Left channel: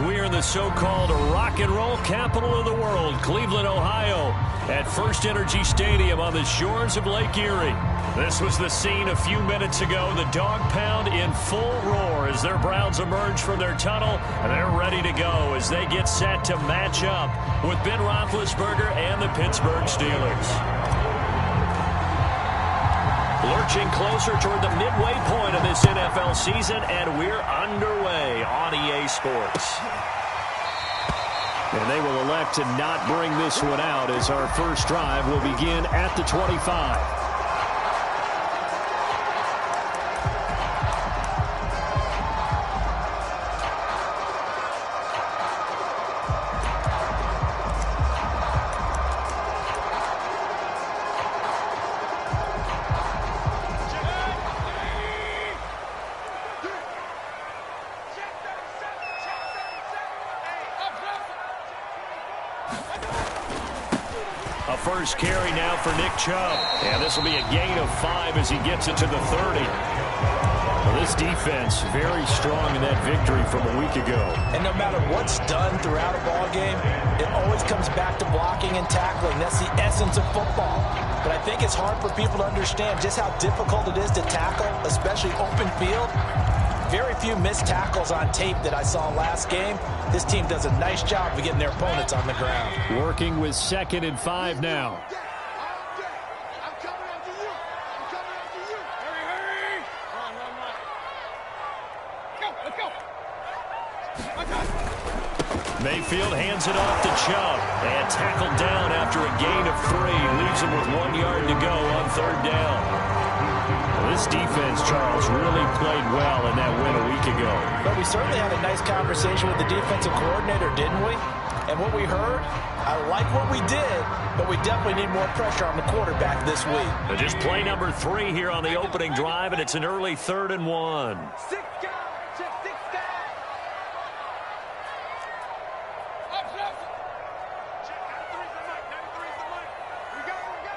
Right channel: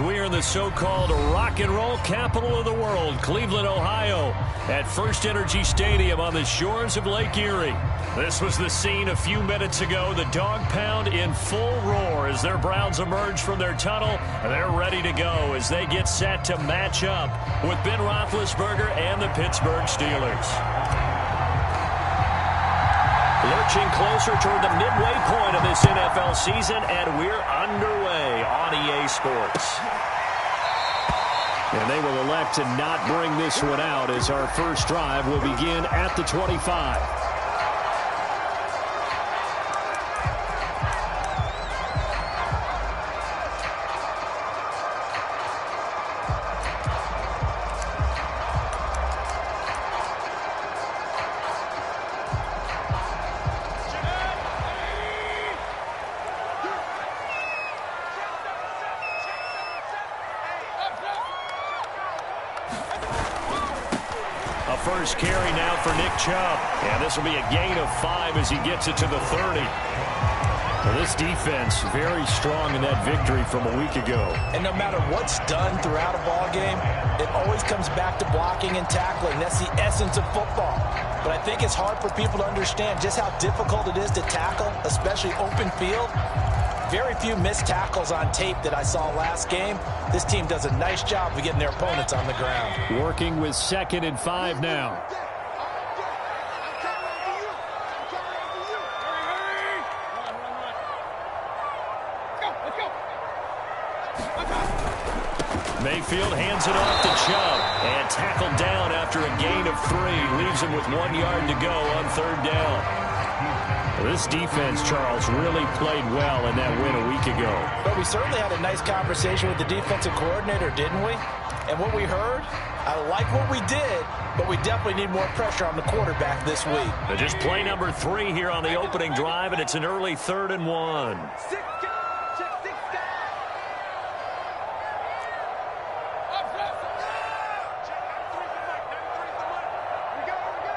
We're in the so-called rock and roll capital of the world, Cleveland, Ohio, at First Energy Stadium on the shores of Lake Erie. This was the scene a few minutes ago. The dog pound in full roar as their Browns emerge from their tunnel, and they're ready to go as they get set to match up with Ben Roethlisberger and the Pittsburgh Steelers. Lurching closer toward the midway point of this NFL season, and we're underway on EA Sports. And they will elect to not bring this one out as our first drive will begin at the 25. First carry now for Nick Chubb. And this will be a gain of 5 as he gets it to the 30. Well, this defense very strong in that victory from a week ago. And no matter what's done throughout a ball game, it always comes back to blocking and tackling. That's the essence of football. But I think it's hard for people to understand just how difficult it is to tackle, especially open field. Very few missed tackles on tape that I saw last game. This team does a nice job of getting their opponents on the ground. Working with 2nd and 5 now. Mayfield hands it off to Chubb and tackled down after a gain of 3. Leaves him with 1 yard to go on 3rd down. Well, this defense, Charles, really played well in that win a week ago. But we certainly had a nice conversation with the defensive coordinator, didn't we? And what we heard, I like what we did, but we definitely need more pressure on the quarterback this week. But just play number 3 here on the opening drive, and it's an early 3rd and 1. 6 guys, check 6 guys. Up, check 93's the mic, 93's the mic. Here we go, here we go.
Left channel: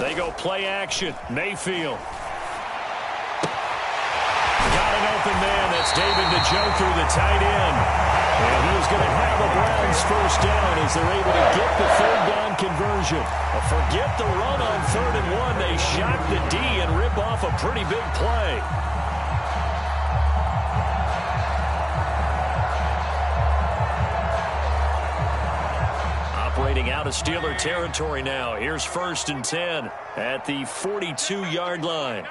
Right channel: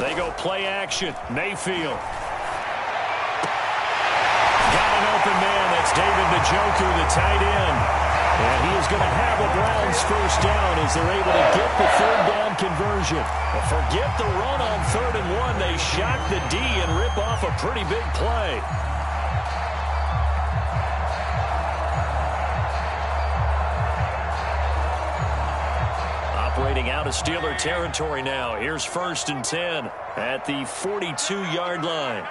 They go play action. Mayfield. Got an open man. That's David Njoku, the tight end. And he is going to have the Browns first down as they're able to get the 3rd down conversion. But forget the run on 3rd and 1. They shock the D and rip off a pretty big play. Operating out of Steeler territory now. Here's 1st and 10 at the 42-yard line.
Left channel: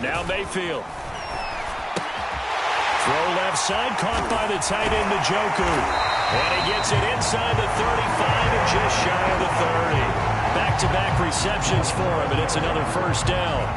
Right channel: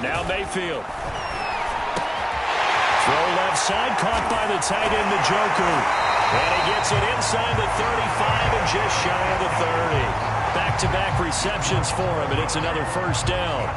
Now Mayfield. Throw left side, caught by the tight end Njoku. And he gets it inside the 35 and just shy of the 30. Back-to-back receptions for him, and it's another 1st down.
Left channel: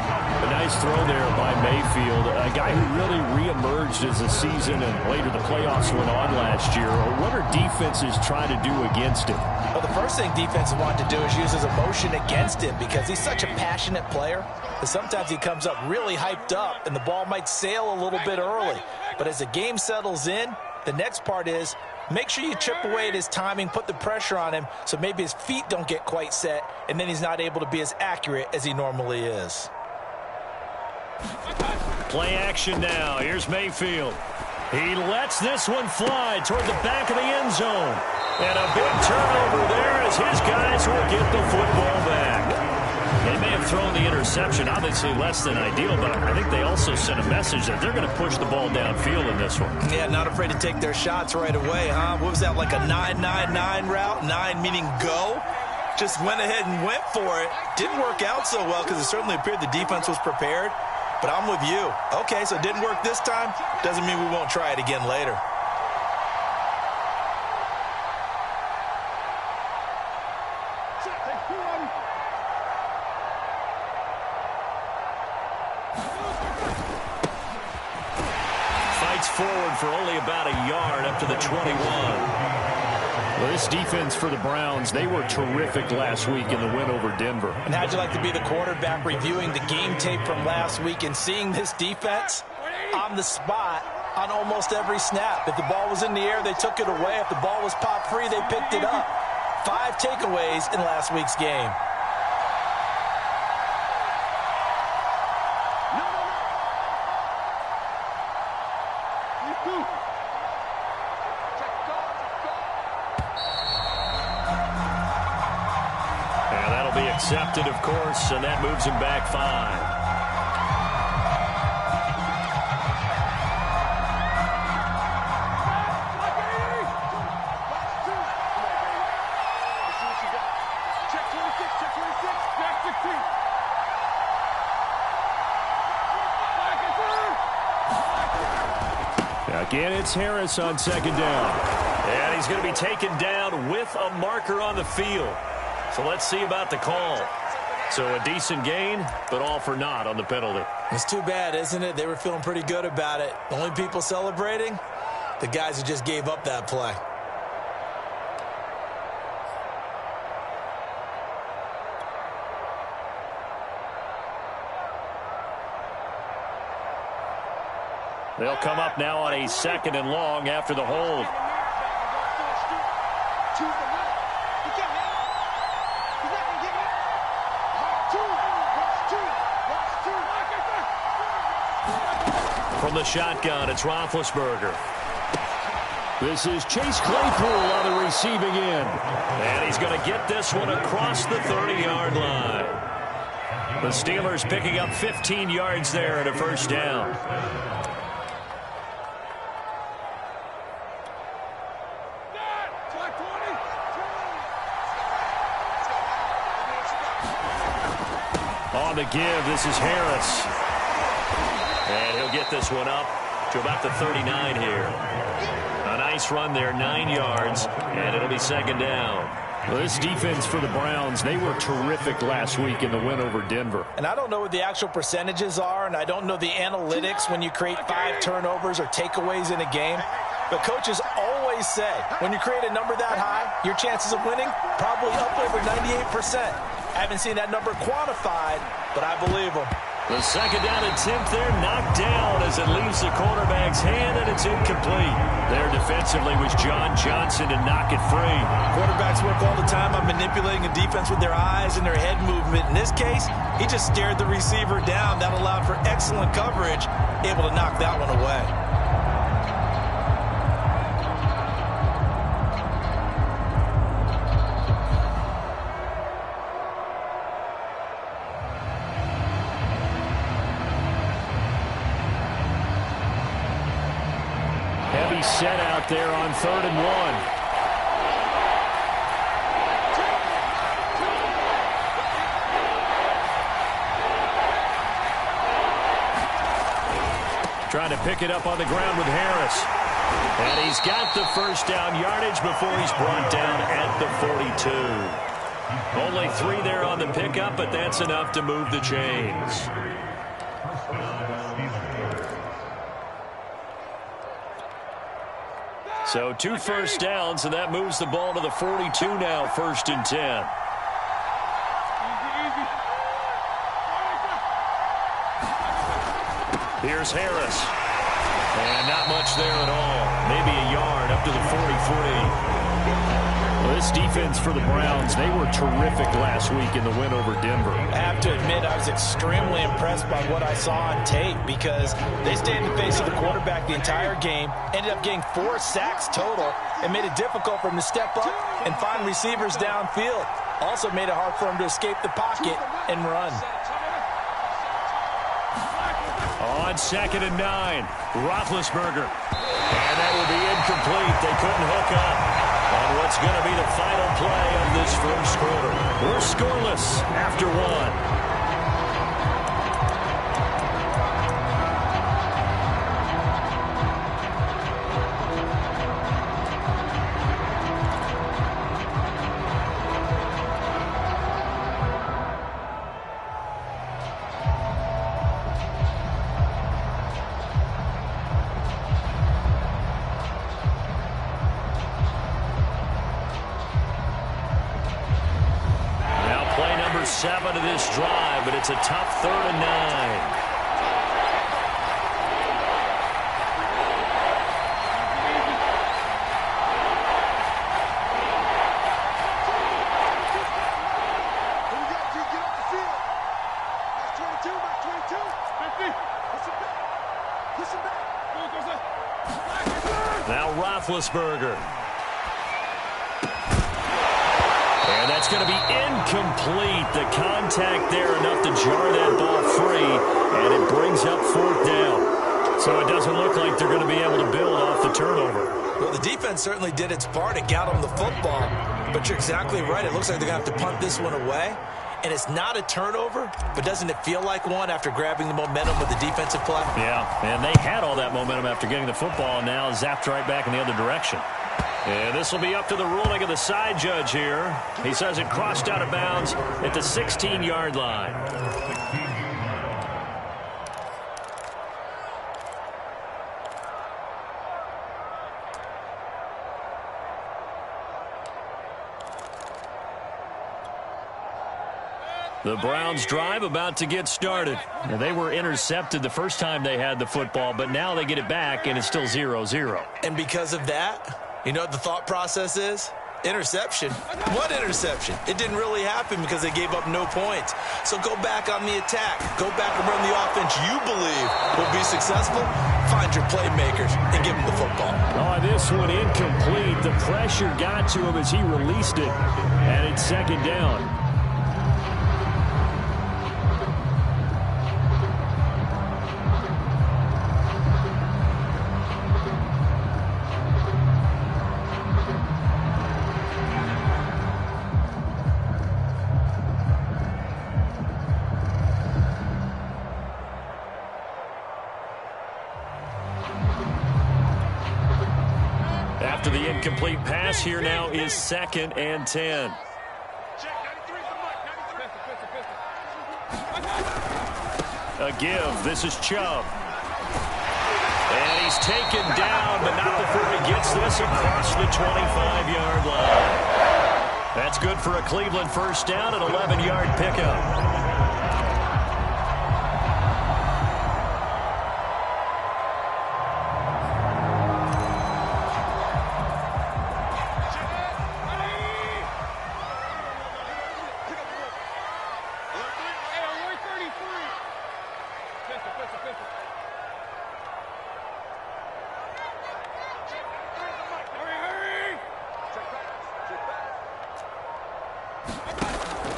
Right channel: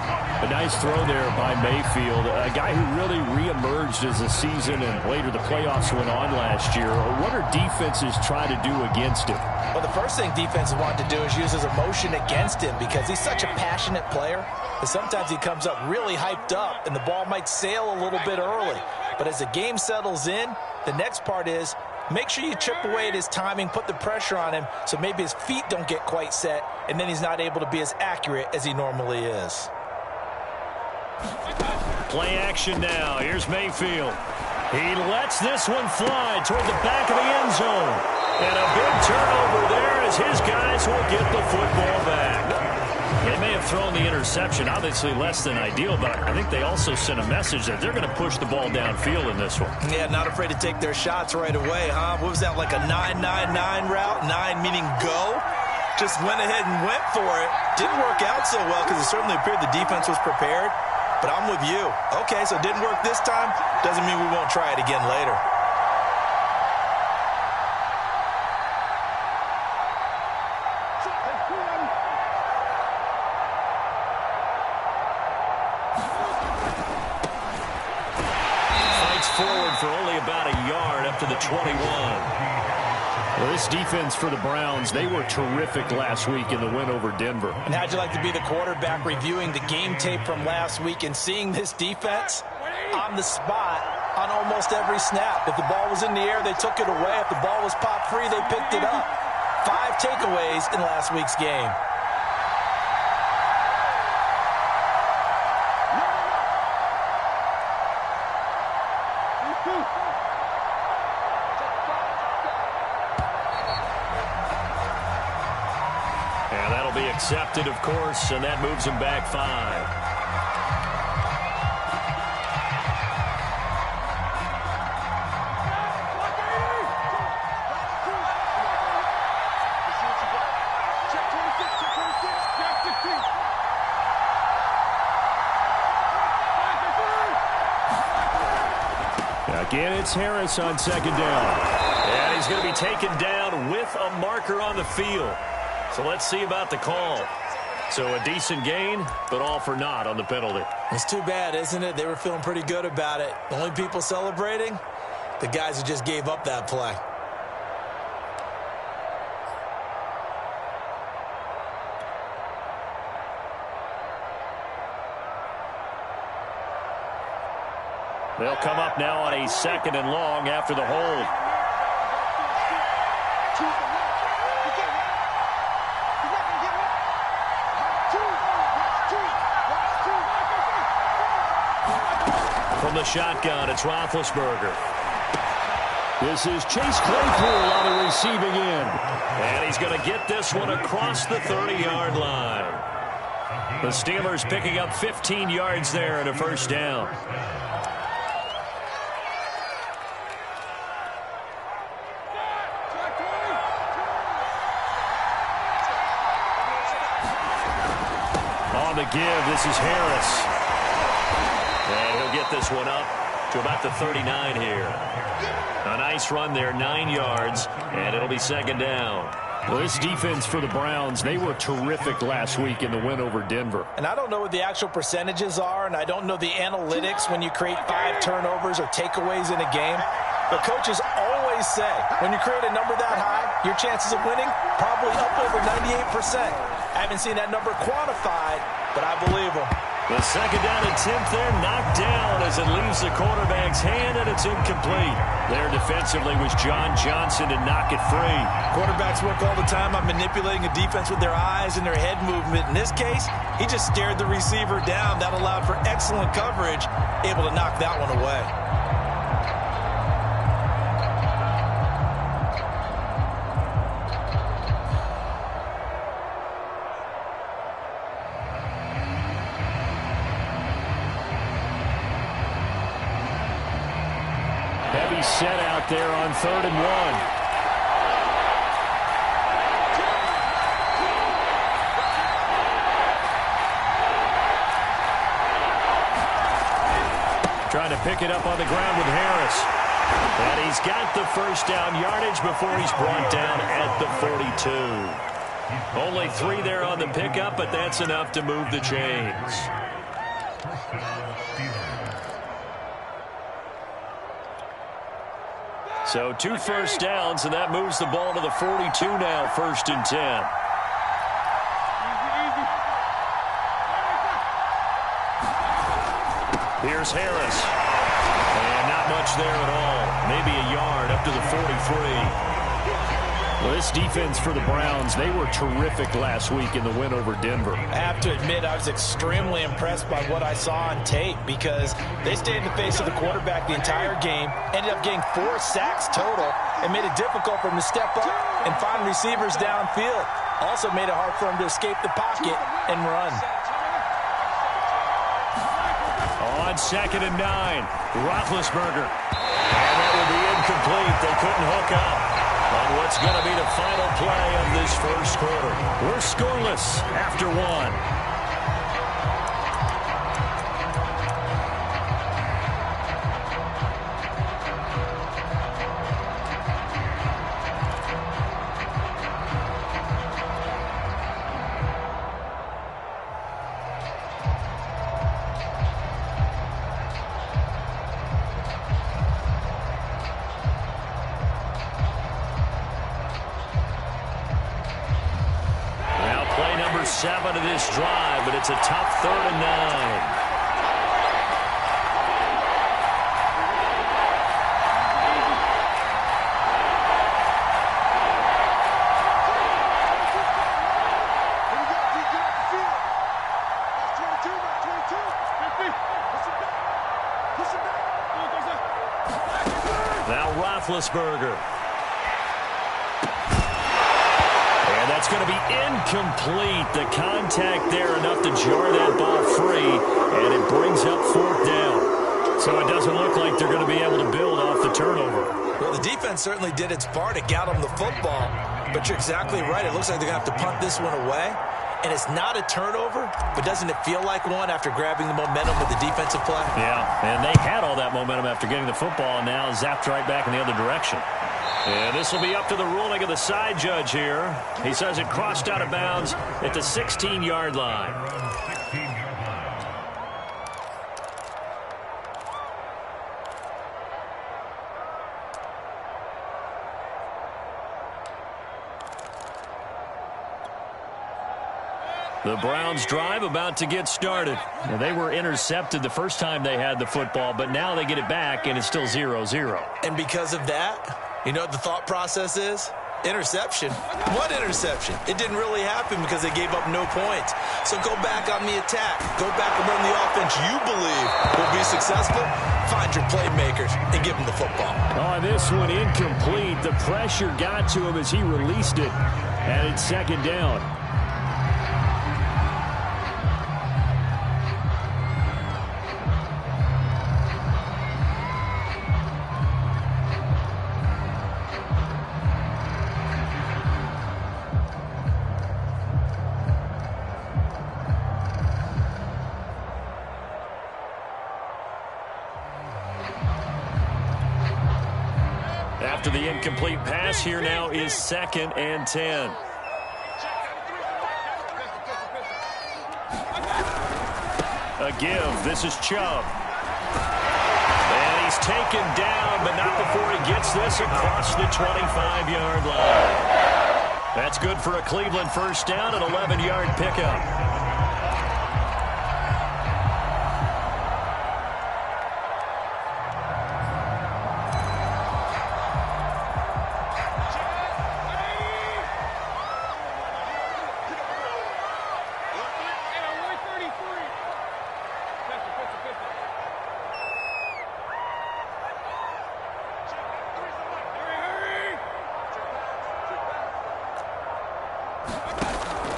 A nice throw there by Mayfield, a guy who really reemerged as the season and later the playoffs went on last year. What are defenses trying to do against him? Well, the first thing defenses want to do is use his emotion against him because he's such a passionate player that sometimes he comes up really hyped up and the ball might sail a little bit early. But as the game settles in, the next part is make sure you chip away at his timing, put the pressure on him so maybe his feet don't get quite set and then he's not able to be as accurate as he normally is. Play action now. Here's Mayfield. He lets this one fly toward the back of the end zone. And a big turnover there as his guys will get the football back. They may have thrown the interception, obviously less than ideal, but I think they also sent a message that they're going to push the ball downfield in this one. Yeah, not afraid to take their shots right away, huh? What was that, like a 9-9-9 route? 9 meaning go? Just went ahead and went for it. Didn't work out so well because it certainly appeared the defense was prepared. But I'm with you. Okay, so it didn't work this time. Doesn't mean we won't try it again later. Fights forward for only about a yard up to the 21. Well, this defense for the Browns, they were terrific last week in the win over Denver. And how'd you like to be the quarterback reviewing the game tape from last week and seeing this defense on the spot on almost every snap? If the ball was in the air, they took it away. If the ball was popped free, they picked it up. 5 takeaways in last week's game. 2. And that'll be accepted, of course, and that moves him back 5. Again, it's Harris on second down. And he's going to be taken down with a marker on the field. So let's see about the call. So a decent gain, but all for naught on the penalty. It's too bad, isn't it? They were feeling pretty good about it. The only people celebrating, the guys who just gave up that play. They'll come up now on a 2nd and long after the hold. From the shotgun, it's Roethlisberger. This is Chase Claypool on the receiving end. And he's going to get this one across the 30-yard line. The Steelers picking up 15 yards there and a first down. On the give, this is Harris. And he'll get this one up to about the 39 here. A nice run there, 9 yards, and it'll be 2nd down. Well, this defense for the Browns, they were terrific last week in the win over Denver. And I don't know what the actual percentages are, and I don't know the analytics when you create 5 turnovers or takeaways in a game. But coaches always say, when you create a number that high, your chances of winning probably up over 98%. I haven't seen that number quantified, but I believe them. The 2nd down attempt there knocked down as it leaves the quarterback's hand, and it's incomplete. There defensively was John Johnson to knock it free. Quarterbacks work all the time on manipulating a defense with their eyes and their head movement. In this case, he just stared the receiver down. That allowed for excellent coverage, able to knock that one away. Heavy set out there on 3rd and 1. Trying to pick it up on the ground with Harris. And he's got the first down yardage before he's brought down at the 42. Only 3 there on the pickup, but that's enough to move the chains. So 2 first downs, and that moves the ball to the 42 now, 1st and 10. Here's Harris. And not much there at all. Maybe a yard up to the 43. Well, this defense for the Browns, they were terrific last week in the win over Denver. I have to admit, I was extremely impressed by what I saw on tape because they stayed in the face of the quarterback the entire game, ended up getting 4 sacks total, and made it difficult for him to step up and find receivers downfield. Also made it hard for him to escape the pocket and run. On 2nd and 9, Roethlisberger. And that will be incomplete. They couldn't hook up on what's going to be the final play of this first quarter. We're scoreless after 1. Play number 7 of this drive, but it's a tough 3rd and 9. Push him back. Now Roethlisberger. And that's going to be incomplete. The contact there enough to jar that ball free, and it brings up 4th down. So it doesn't look like they're going to be able to build off the turnover. Well, the defense certainly did its part. It got them the football. But you're exactly right. It looks like they're going to have to punt this one away. And it's not a turnover, but doesn't it feel like one after grabbing the momentum with the defensive play? Yeah, and they had all that momentum after getting the football, and now zapped right back in the other direction. And this will be up to the ruling of the side judge here. He says it crossed out of bounds at the 16-yard line. The Browns drive about to get started. Now, they were intercepted the first time they had the football, but now they get it back, and it's still 0-0. And because of that, you know what the thought process is? Interception. What interception? It didn't really happen because they gave up no points. So go back on the attack. Go back and run the offense you believe will be successful. Find your playmakers and give them the football. Oh, this one incomplete. The pressure got to him as he released it, and it's 2nd down. After the incomplete pass, here now is 2nd and 10. A give. This is Chubb. And he's taken down, but not before he gets this across the 25-yard line. That's good for a Cleveland first down, an 11-yard pickup.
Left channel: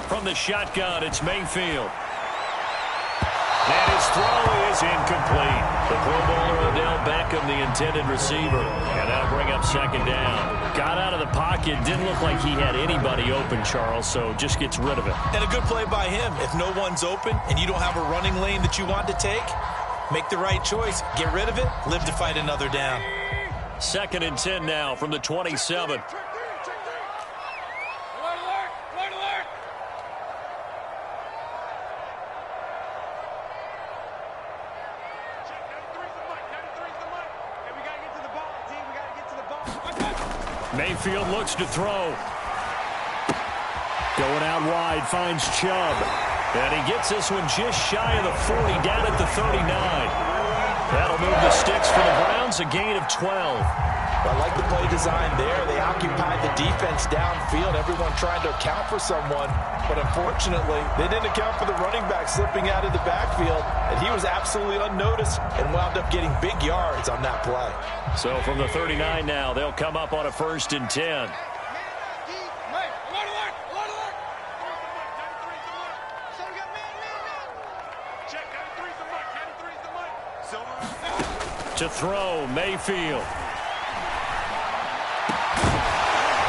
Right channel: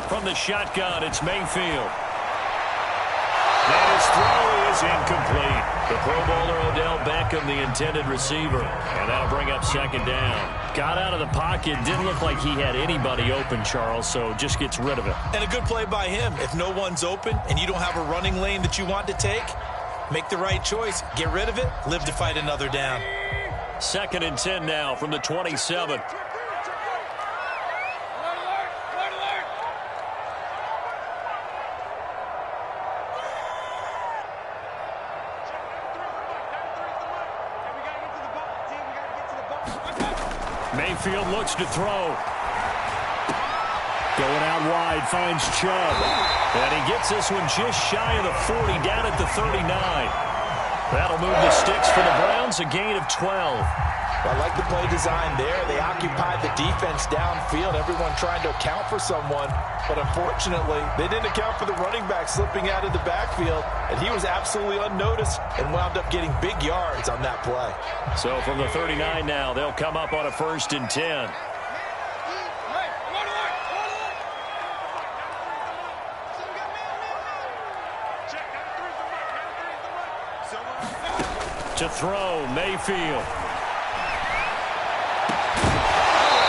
From the shotgun, it's Mayfield. And his throw is incomplete. The Pro Bowler Odell Beckham, the intended receiver. And that'll bring up 2nd down. Got out of the pocket. Didn't look like he had anybody open, Charles, so just gets rid of it. And a good play by him. If no one's open and you don't have a running lane that you want to take, make the right choice. Get rid of it. Live to fight another down. 2nd and 10 now from the 27. Mayfield looks to throw. Going out wide, finds Chubb. And he gets this one just shy of the 40, down at the 39. That'll move the sticks for the Browns, a gain of 12. I like the play design there. They occupied the defense downfield, everyone trying to account for someone. But unfortunately, they didn't account for the running back slipping out of the backfield, and he was absolutely unnoticed and wound up getting big yards on that play. So from the 39 now, they'll come up on a 1st and 10. To throw, Mayfield.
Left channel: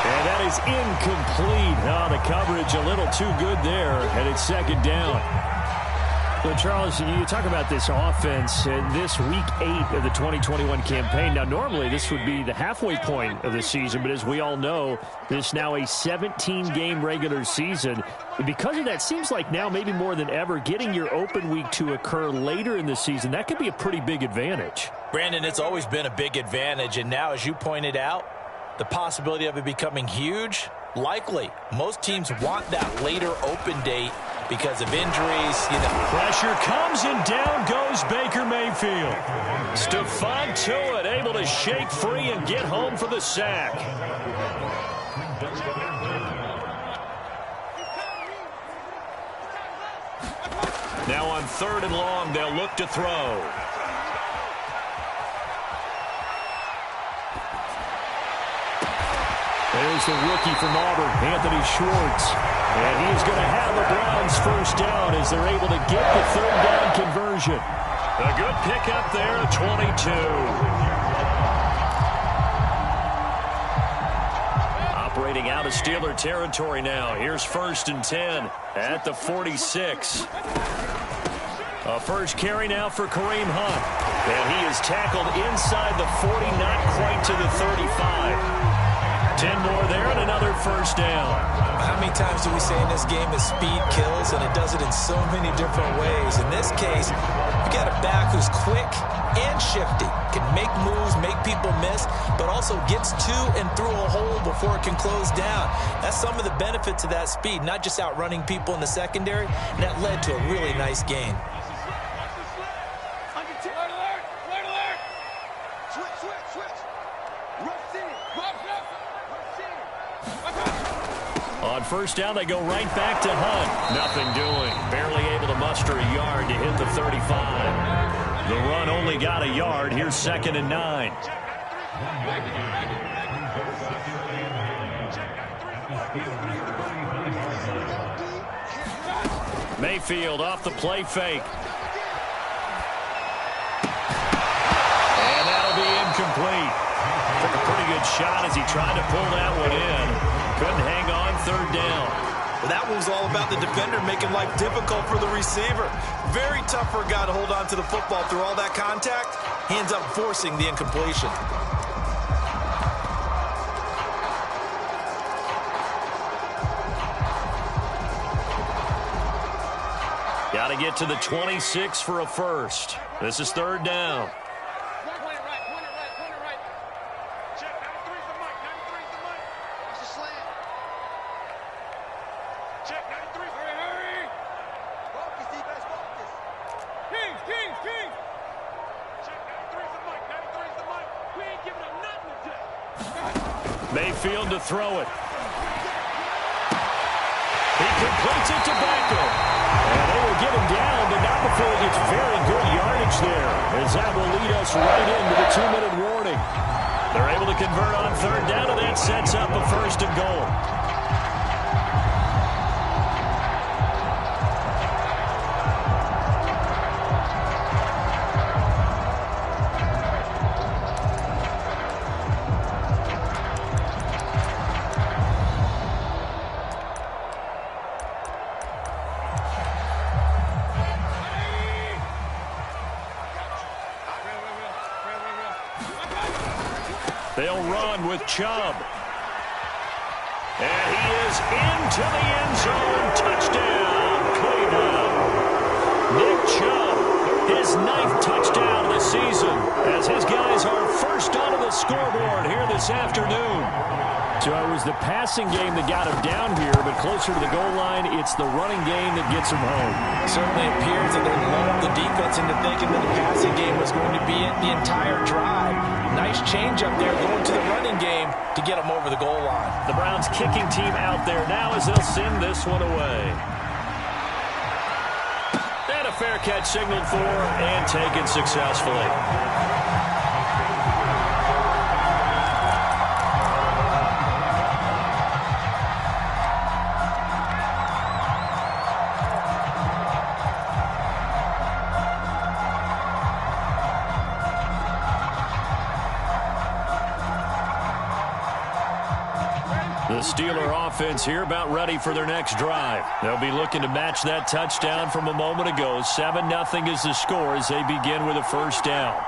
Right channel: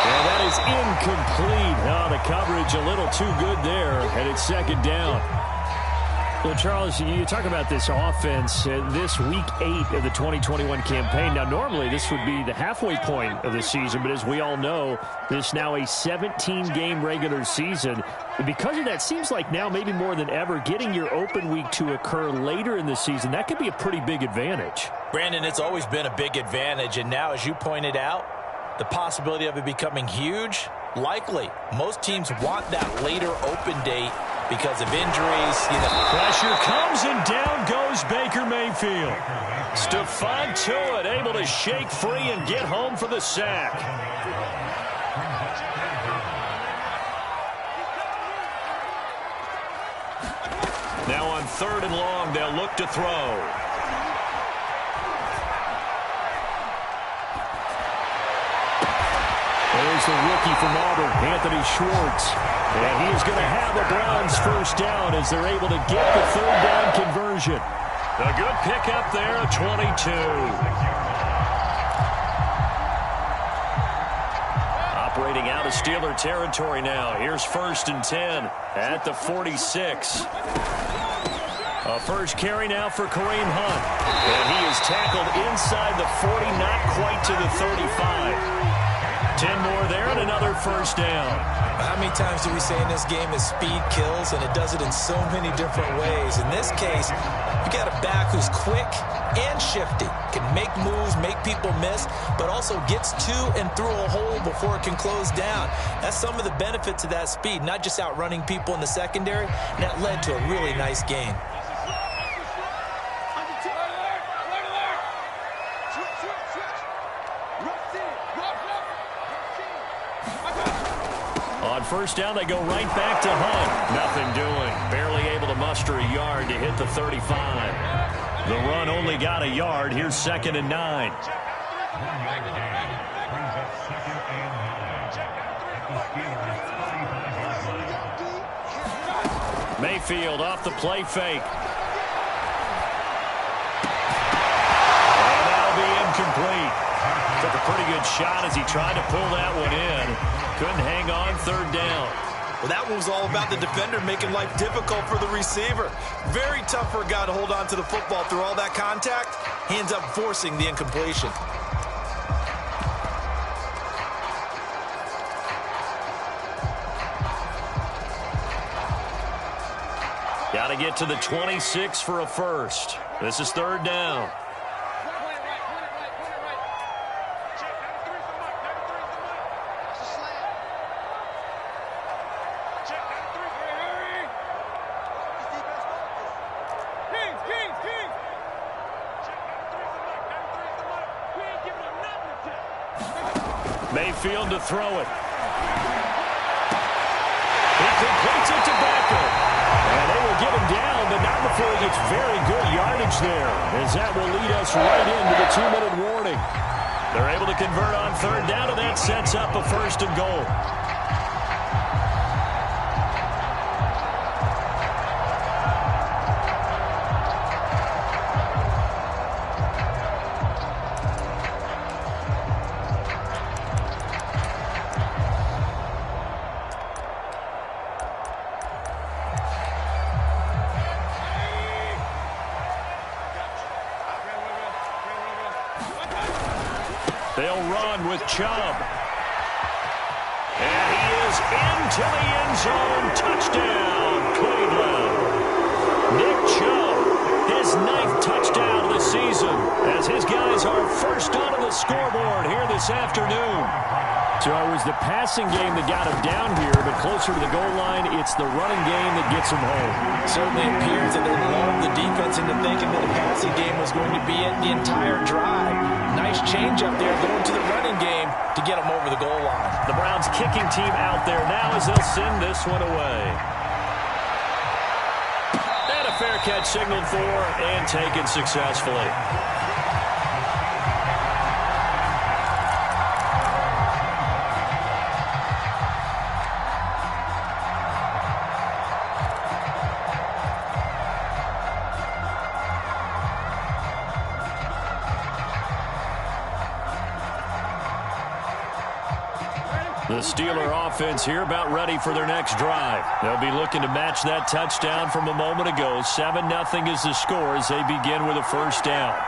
And that is incomplete. Oh, the coverage a little too good there, and it's 2nd down. So, Charles, you talk about this offense, this Week 8 of the 2021 campaign. Now, normally this would be the halfway point of the season, but as we all know, this is now a 17-game regular season. And because of that, seems like now maybe more than ever, getting your open week to occur later in the season, that could be a pretty big advantage. Brandon, it's always been a big advantage, and now, as you pointed out, the possibility of it becoming huge, likely. Most teams want that later open date because of injuries. You know. Pressure comes, and down goes Baker Mayfield. Stephon Tuitt able to shake free and get home for the sack. Now on 3rd and long, they'll look to throw. There's the rookie from Auburn, Anthony Schwartz. And he is going to have the Browns first down as they're able to get the third down conversion. A good pickup there, 22. Operating out of Steeler territory now. Here's 1st and 10 at the 46. A first carry now for Kareem Hunt. And he is tackled inside the 40, not quite to the 35. 10 more there and another first down. How many times do we say in this game that speed kills, and it does it in so many different ways? In this case, you got a back who's quick and shifty, can make moves, make people miss, but also gets to and through a hole before it can close down. That's some of the benefits of that speed, not just outrunning people in the secondary, and that led to a really nice gain. On first down, they go right back to Hunt. Nothing doing. Barely able to muster a yard to hit the 35. The run only got a yard. Here's 2nd and 9. Mayfield off the play fake. And that'll be incomplete. Took a pretty good shot as he tried to pull that one in. Couldn't hang on, 3rd down. Well, that one was all about the defender making life difficult for the receiver. Very tough for a guy to hold on to the football through all that contact. He ends up forcing the incompletion. Got to get to the 26 for a first. This is 3rd down. Mayfield to throw it. He completes it to Beckham. And they will get him down, but not before he gets very good yardage there, as that will lead us right into the 2-minute warning. They're able to convert on 3rd down, and that sets up a 1st and goal. They'll run with Chubb. And he is into the end zone. Touchdown, Cleveland. Nick Chubb, his 9th touchdown of the season, as his guys are first onto the scoreboard here this afternoon. So it was the passing game that got him down here, but closer to the goal line, it's the running game that gets him home. Certainly appears that they lulled the defense into thinking that the passing game was going to be it the entire drive. Nice change up there going to the running game to get them over the goal line. The Browns kicking team out there now as they'll send this one away. And a fair catch signaled for and taken successfully. The Steeler offense here about ready for their next drive. They'll be looking to match that touchdown from a moment ago. 7-0 is the score as they begin with a first down.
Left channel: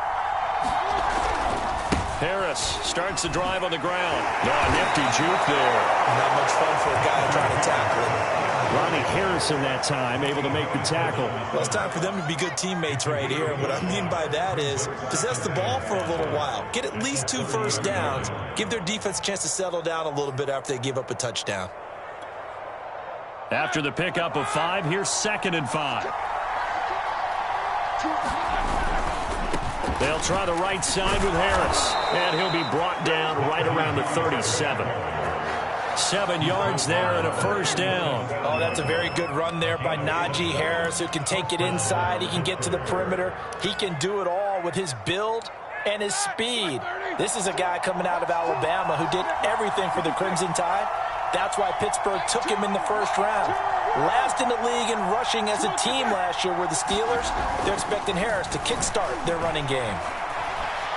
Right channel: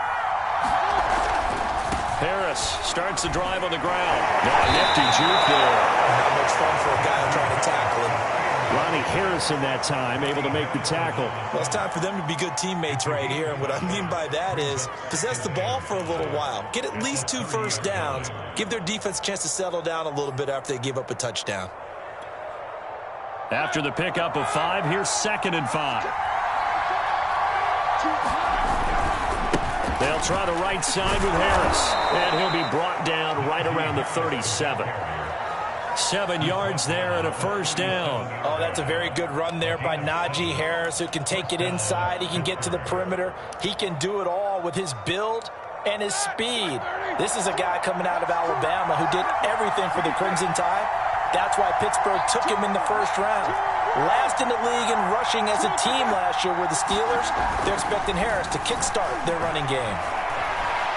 Harris starts the drive on the ground. A nifty juke there. Not much fun for a guy trying to tackle him. Ronnie Harrison that time able to make the tackle. Well, it's time for them to be good teammates right here. And what I mean by that is possess the ball for a little while. Get at least 2 first downs. Give their defense a chance to settle down a little bit after they give up a touchdown. After the pickup of 5, here's 2nd and 5. They'll try the right side with Harris. And he'll be brought down right around the 37. 7 yards there and a first down. Oh, that's a very good run there by Najee Harris, who can take it inside. He can get to the perimeter. He can do it all with his build and his speed. This is a guy coming out of Alabama who did everything for the Crimson Tide. That's why Pittsburgh took him in the first round. Last in the league in rushing as a team last year were the Steelers. They're expecting Harris to kickstart their running game.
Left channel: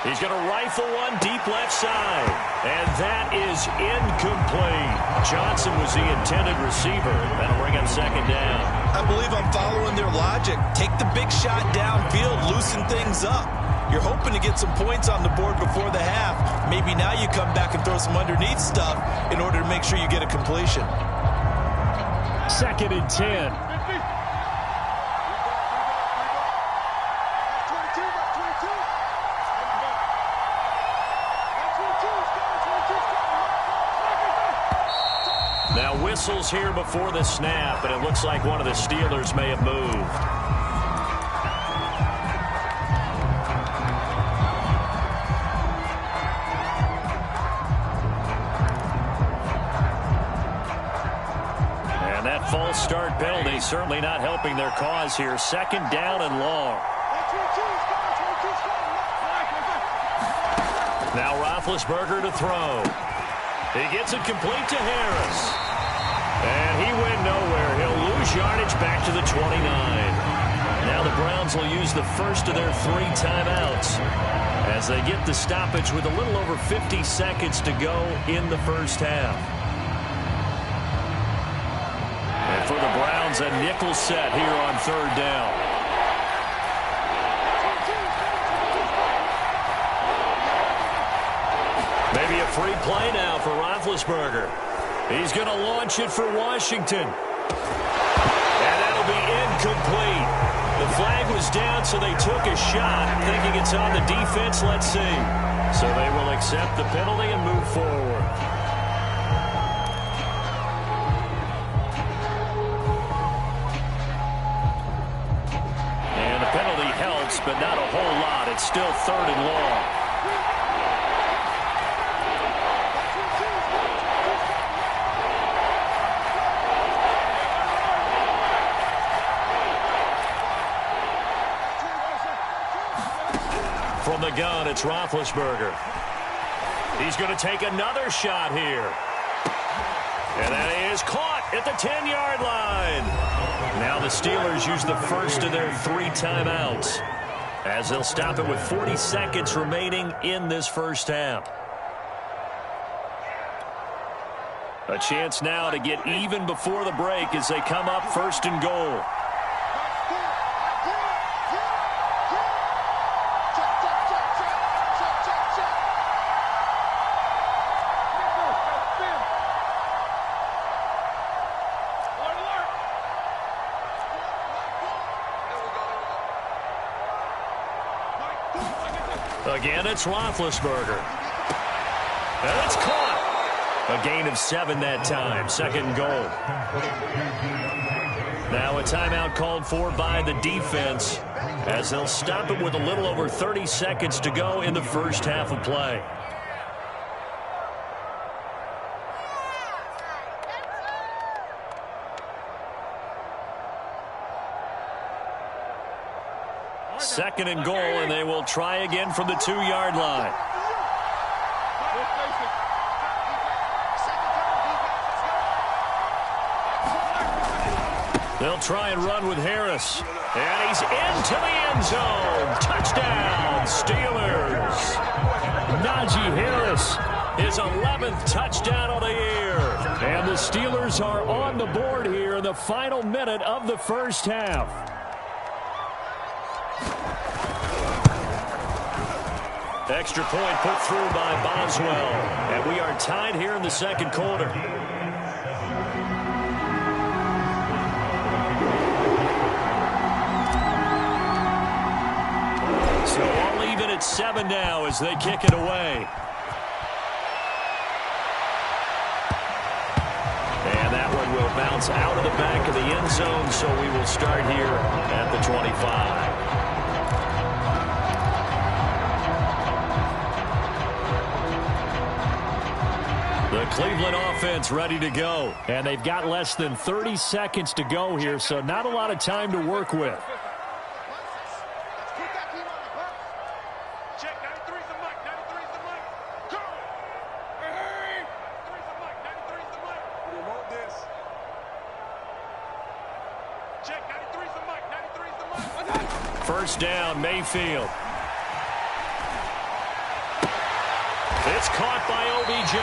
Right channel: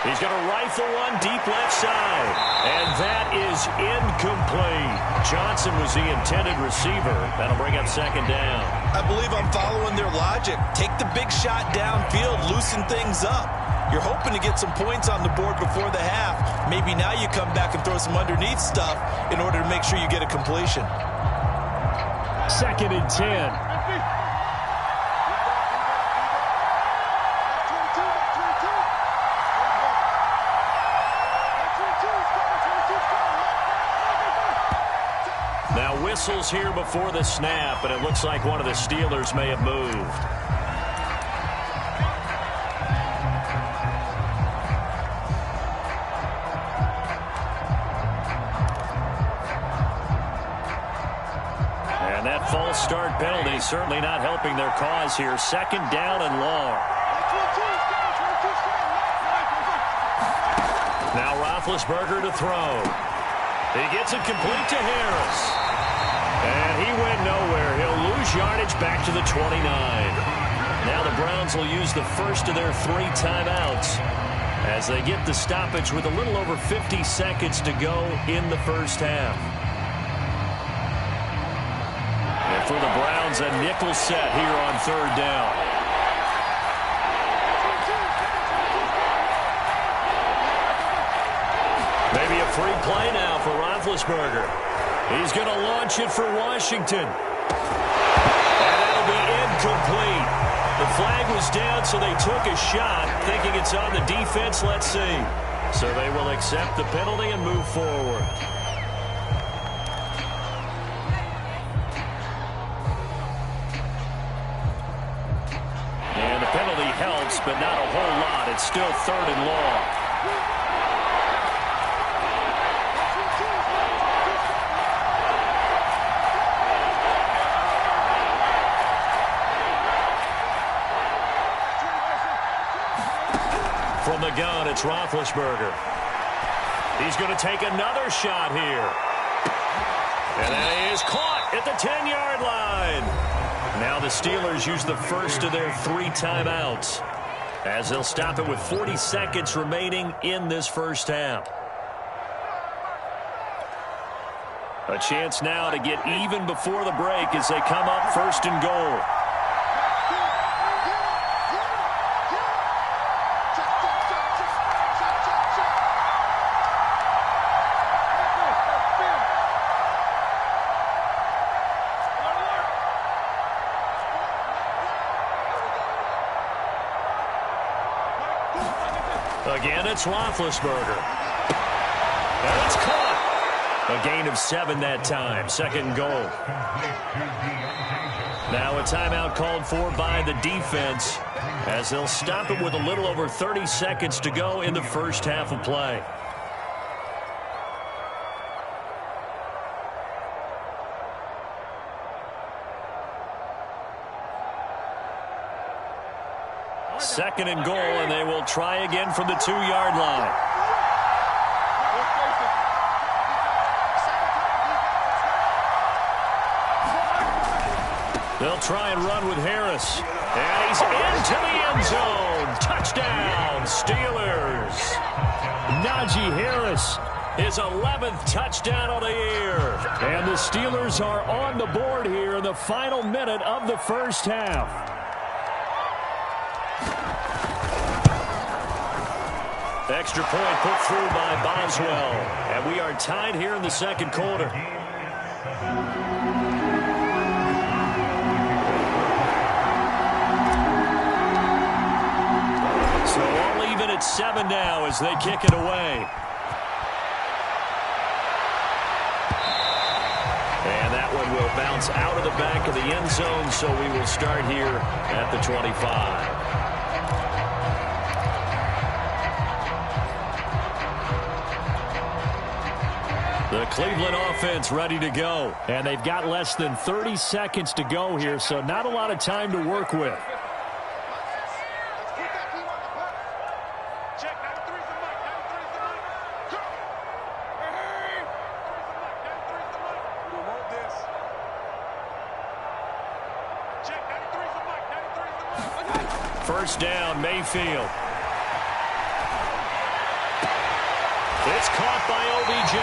He's going to rifle one deep left side. And that is incomplete. Johnson was the intended receiver. That'll bring up second down. I believe I'm following their logic. Take the big shot downfield, loosen things up. You're hoping to get some points on the board before the half. Maybe now you come back and throw some underneath stuff in order to make sure you get a completion. 2nd and 10. Now whistles here before the snap, and it looks like one of the Steelers may have moved. And that false start penalty certainly not helping their cause here. 2nd down and long. Now Roethlisberger to throw. He gets it complete to Harris. And he went nowhere. He'll lose yardage back to the 29. Now the Browns will use the first of their 3 timeouts as they get the stoppage with a little over 50 seconds to go in the first half. And for the Browns, a nickel set here on 3rd down. Maybe a free play now for Roethlisberger. He's going to launch it for Washington. And that'll be incomplete. The flag was down, so they took a shot, thinking it's on the defense. Let's see. So they will accept the penalty and move forward. And the penalty helps, but not a whole lot. It's still 3rd and long. From the gun, it's Roethlisberger. He's going to take another shot here. And that is caught at the 10-yard line. Now the Steelers use the first of their 3 timeouts as they'll stop it with 40 seconds remaining in this first half. A chance now to get even before the break as they come up 1st and goal. Again, it's Roethlisberger. And it's caught. A gain of 7 that time. 2nd goal. Now a timeout called for by the defense as they'll stop it with a little over 30 seconds to go in the first half of play. Second and goal, and they will try again from the 2-yard line. They'll try and run with Harris. And he's into the end zone. Touchdown, Steelers. Najee Harris, his 11th touchdown of the year. And the Steelers are on the board here in the final minute of the first half. Extra point put through by Boswell. And we are tied here in the second quarter. So all even at 7 now as they kick it away. And that one will bounce out of the back of the end zone, so we will start here at the 25. The Cleveland offense ready to go. And they've got less than 30 seconds to go here, so not a lot of time to work with. Check 93. First down, Mayfield. It's caught by OBJ.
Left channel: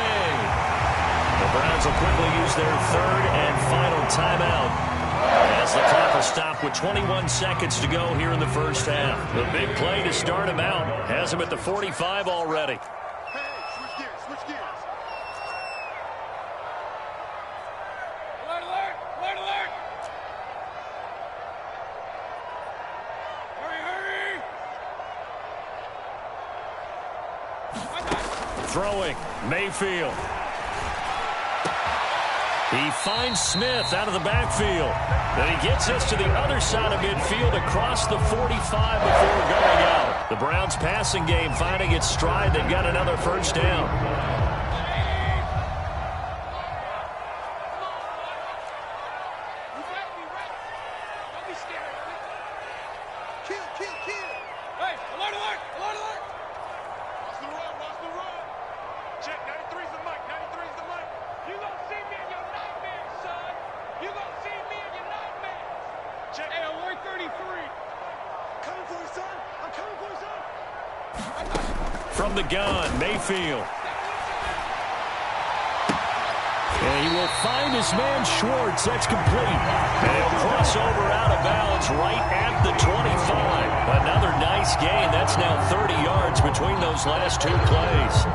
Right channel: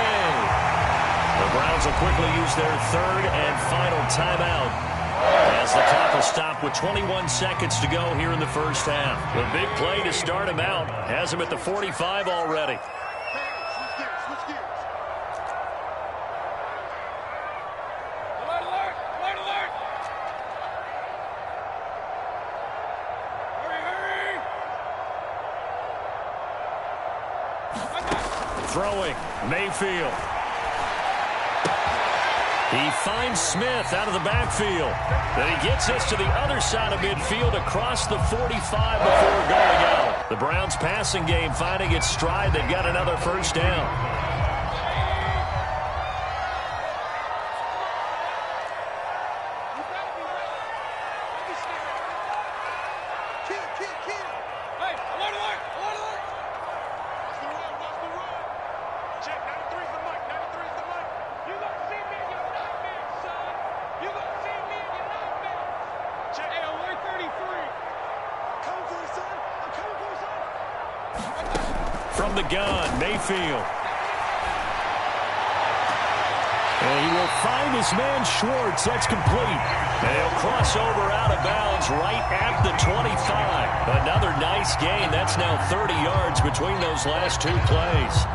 The Browns will quickly use their third and final timeout as the clock will stop with 21 seconds to go here in the first half. The big play to start him out has him at the 45 already. Hey, switch gears, switch gears. Alert, alert, alert, alert. Hurry, hurry. Throwing, Mayfield. He finds Smith out of the backfield. Then he gets this to the other side of midfield across the 45 before going out. The Browns passing game finding its stride. They've got another first down. Hey, alert, alert, alert, alert. Watch the run, watch the run. Check, 93's the mic, 93's the mic. You gonna see me in your nightmares, son. You gonna see me in your nightmares. Check. Hey, alert 33. I'm coming for you, son. I'm coming for you, son. From the gun, Mayfield. And he will find his man Schwartz. That's complete. And he'll cross over out of bounds right at the 25. Another nice gain. That's now 30 yards between those last two plays.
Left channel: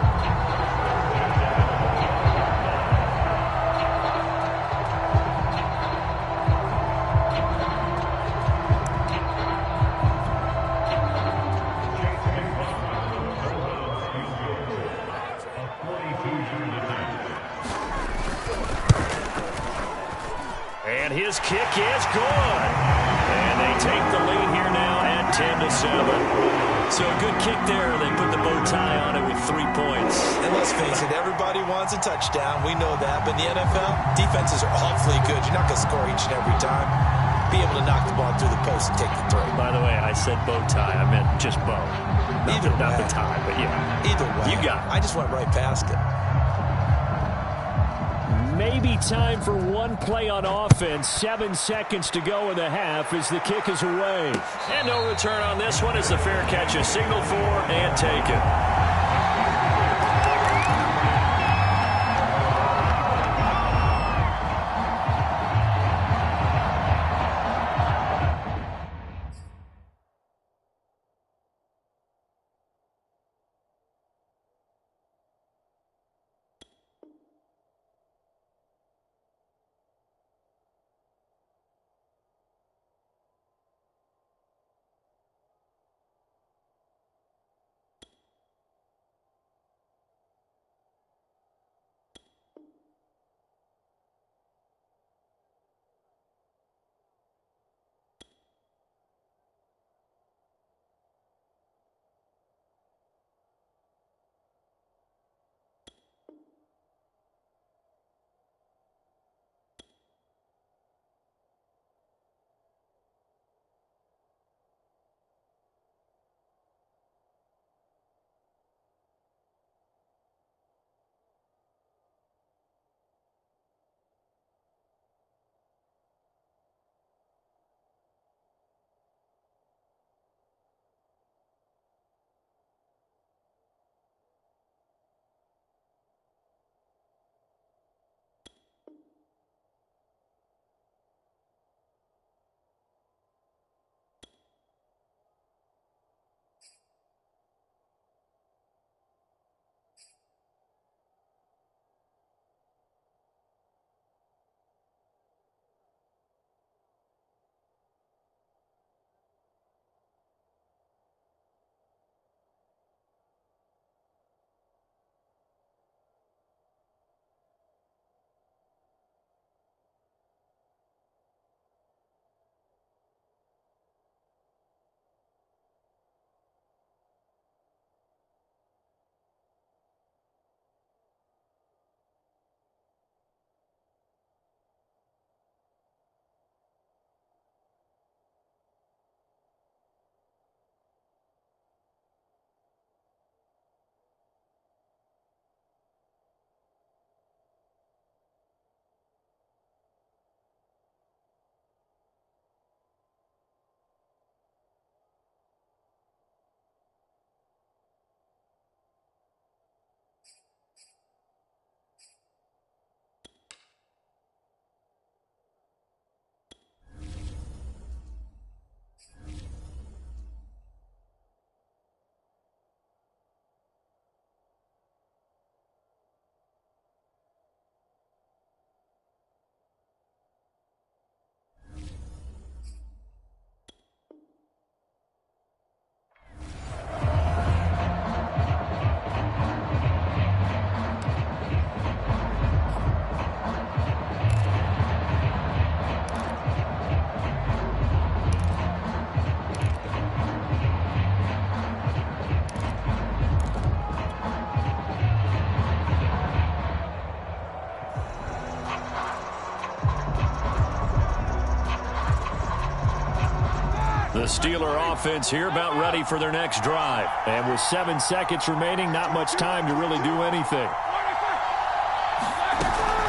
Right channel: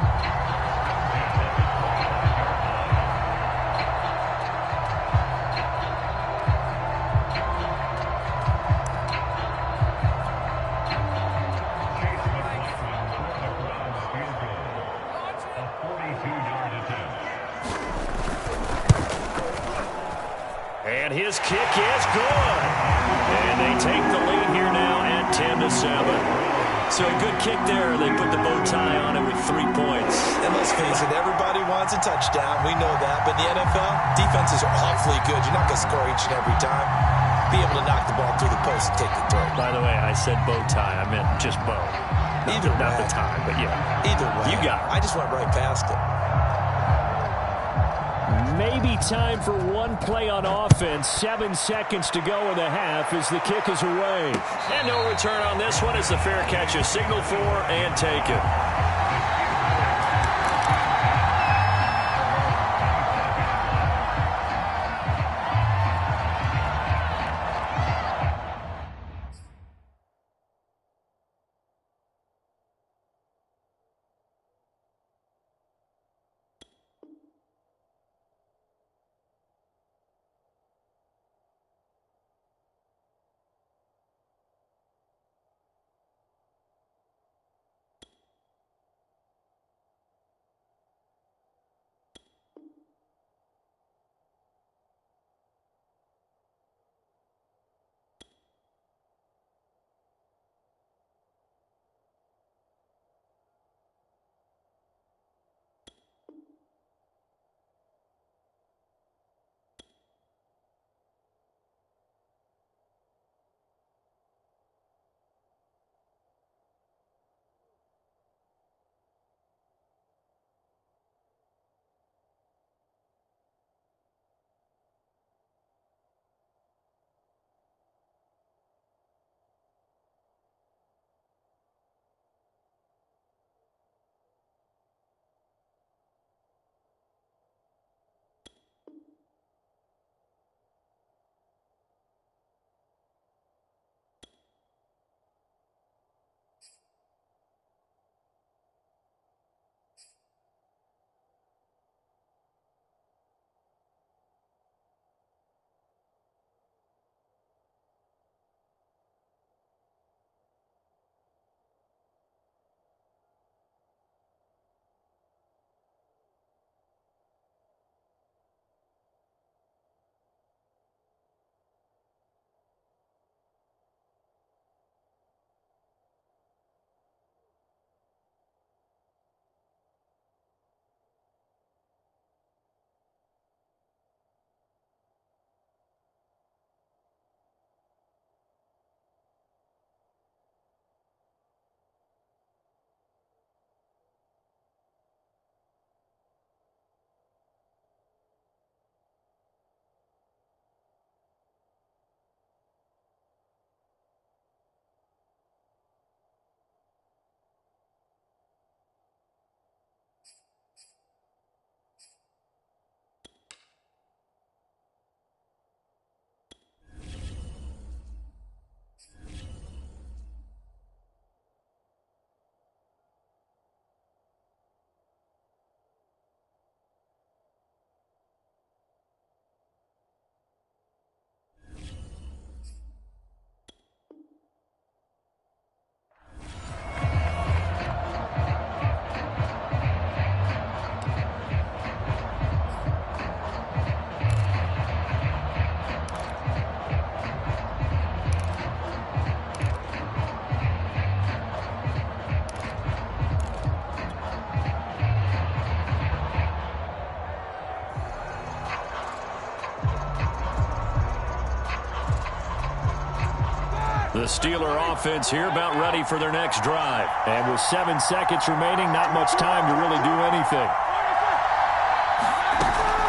And his kick is good. And they take the lead here now at 10-7. So a good kick there. They put the bow tie on it with 3 points. And let's face it, everybody wants a touchdown. We know that. But in the NFL, defenses are awfully good. You're not going to score each and every time. Be able to knock the ball through the post and take the throw. By the way, I said bow tie. I meant just bow. Not the tie, but yeah. Either way. You got it. I just went right past it. Maybe time for one play on offense. 7 seconds to go in the half as the kick is away. And no return on this one as the fair catch is signaled for and taken. The Steeler offense here about ready for their next drive. And with 7 seconds remaining, not much time to really do anything.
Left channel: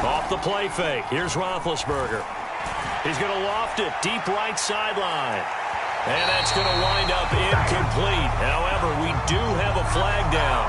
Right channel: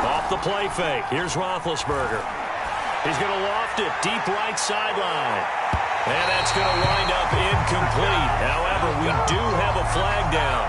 Off the play fake. Here's Roethlisberger. He's going to loft it deep right sideline. And that's going to wind up incomplete. However, we do have a flag down.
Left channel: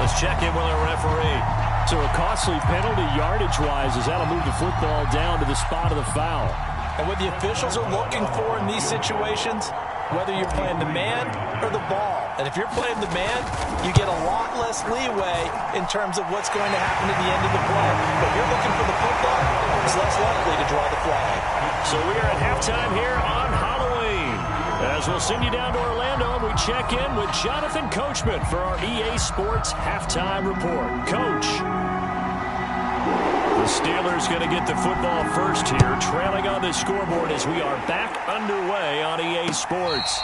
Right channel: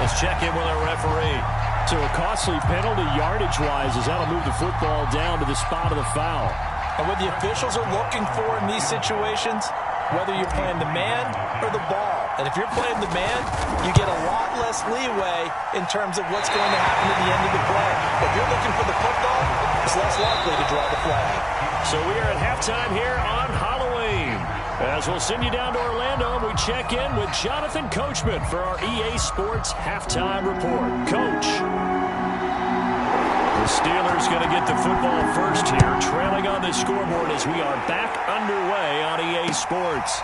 Let's check in with our referee. So a costly penalty yardage-wise as that'll move the football down to the spot of the foul. And what the officials are looking for in these situations, whether you're playing the man or the ball. And if you're playing the man, you get a lot less leeway in terms of what's going to happen at the end of the play. But if you're looking for the football, it's less likely to draw the flag. So we are at halftime here on Halloween. As we'll send you down to Orlando, and we check in with Jonathan Coachman for our EA Sports Halftime Report. Coach. The Steelers going to get the football first here, trailing on the scoreboard as we are back underway on EA Sports.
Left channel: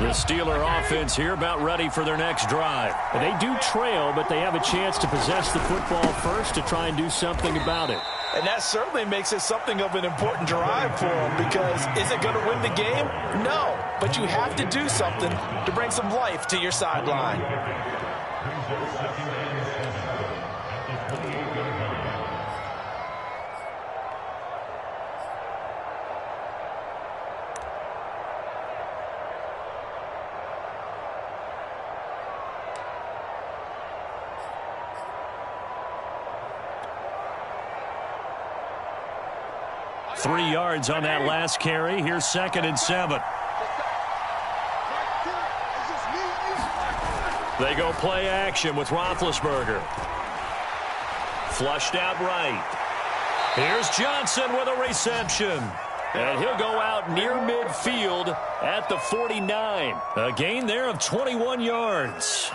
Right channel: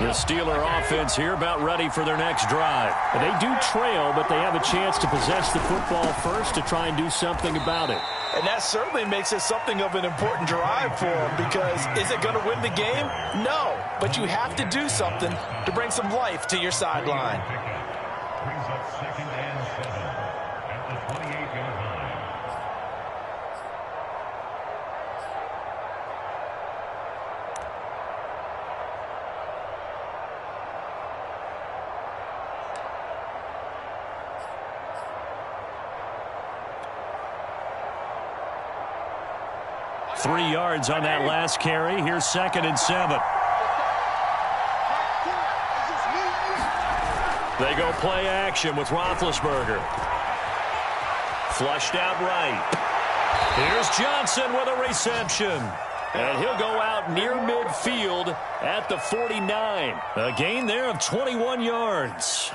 The Steeler offense here about ready for their next drive. They do trail, but they have a chance to possess the football first to try and do something about it. And that certainly makes it something of an important drive for them, because is it going to win the game? No, but you have to do something to bring some life to your sideline. Brings up 2nd and 7 at the 28-yard line. Three yards on that last carry. Here's 2nd and 7. They go play action with Roethlisberger. Flushed out right. Here's Johnson with a reception. And he'll go out near midfield at the 49. A gain there of 21 yards.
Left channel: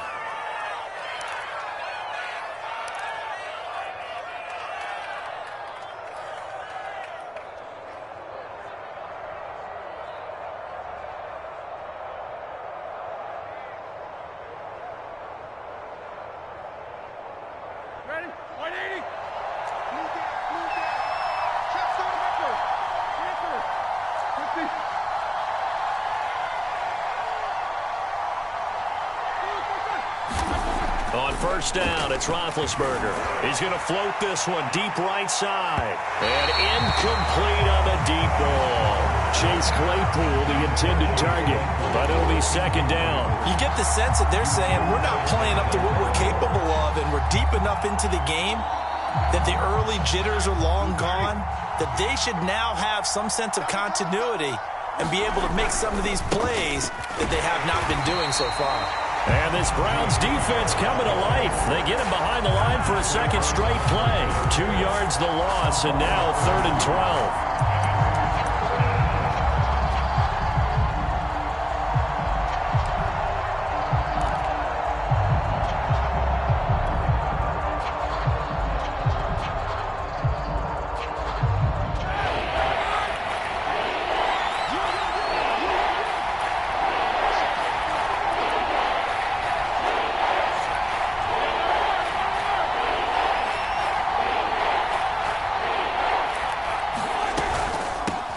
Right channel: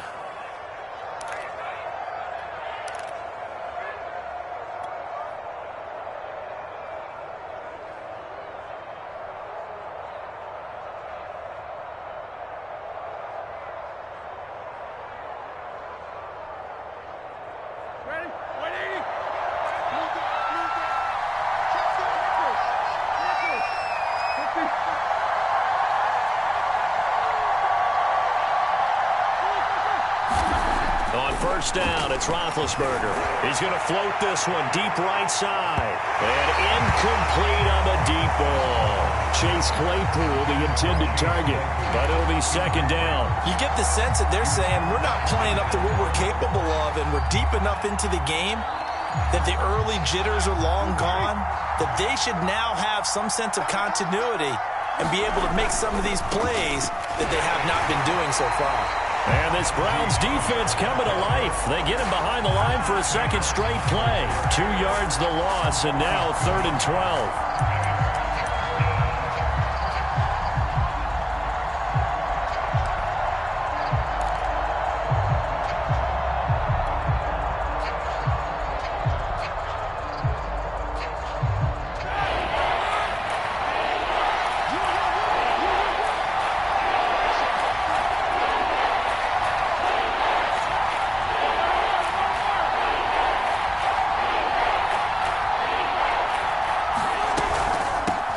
Ready? 180. Move down. Chest down. Nipper. 50. On first down, it's Roethlisberger. He's going to float this one deep right side. And incomplete on the deep ball. Chase Claypool, the intended target. But it'll be 2nd down. You get the sense that they're saying we're not playing up to what we're capable of, and we're deep enough into the game that the early jitters are long gone, that they should now have some sense of continuity and be able to make some of these plays that they have not been doing so far. And this Browns defense coming to life. They get him behind the line for a 2nd straight play. 2 yards the loss, and now 3rd and 12.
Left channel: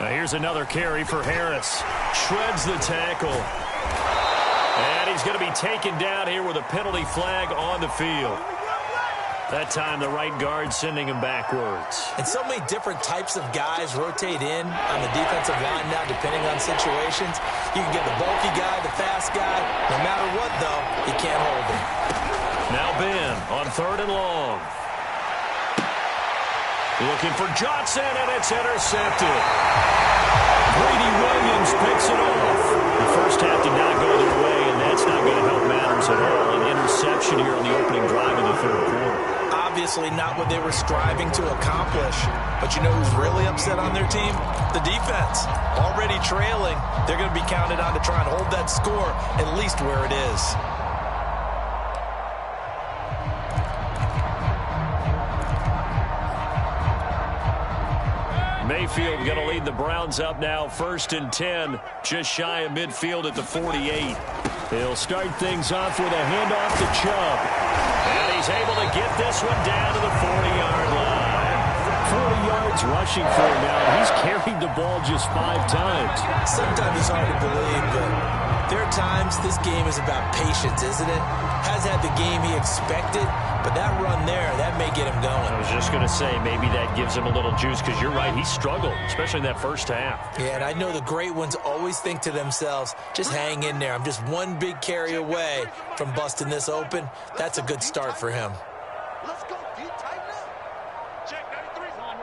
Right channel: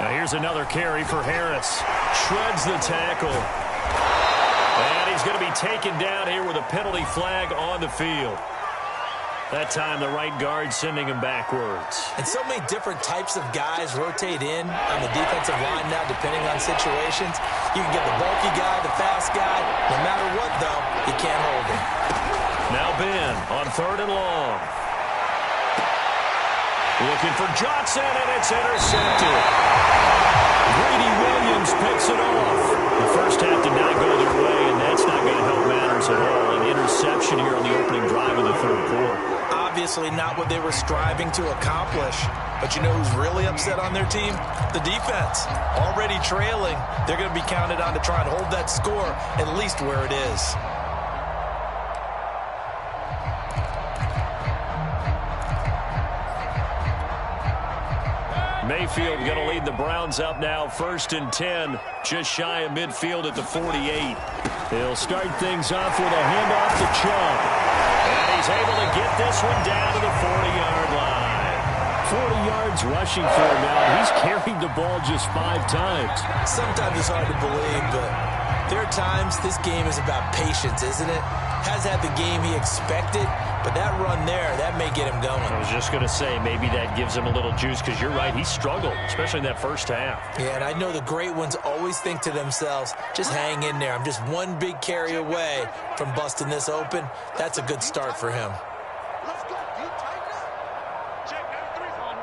Here's another carry for Harris. Shreds the tackle. And he's going to be taken down here with a penalty flag on the field. That time the right guard sending him backwards. And so many different types of guys rotate in on the defensive line now, depending on situations. You can get the bulky guy, the fast guy. No matter what, though, you can't hold him. Now Ben on 3rd and long. Looking for Johnson, and it's intercepted. Greedy Williams picks it off. The first half did not go their way, and that's not going to help matters at all. An interception here on the opening drive of the 3rd quarter. Obviously not what they were striving to accomplish. But you know who's really upset on their team? The defense. Already trailing. They're going to be counted on to try and hold that score at least where it is. Mayfield going to lead the Browns up now, 1st and 10, just shy of midfield at the 48. He'll start things off with a handoff to Chubb. And he's able to get this one down to the 40-yard line. 40 yards rushing for him now. He's carried the ball just 5 times. Sometimes it's hard to believe, but there are times this game is about patience, isn't it? Has had the game he expected, but that run there, that may get him going. I was just going to say, maybe that gives him a little juice, because you're right, he struggled, especially in that first half. Yeah, and I know the great ones always think to themselves, just hang in there. I'm just one big carry away from busting this open. That's a good start for him. Let's go, D. Tighten up. Check 93. Run.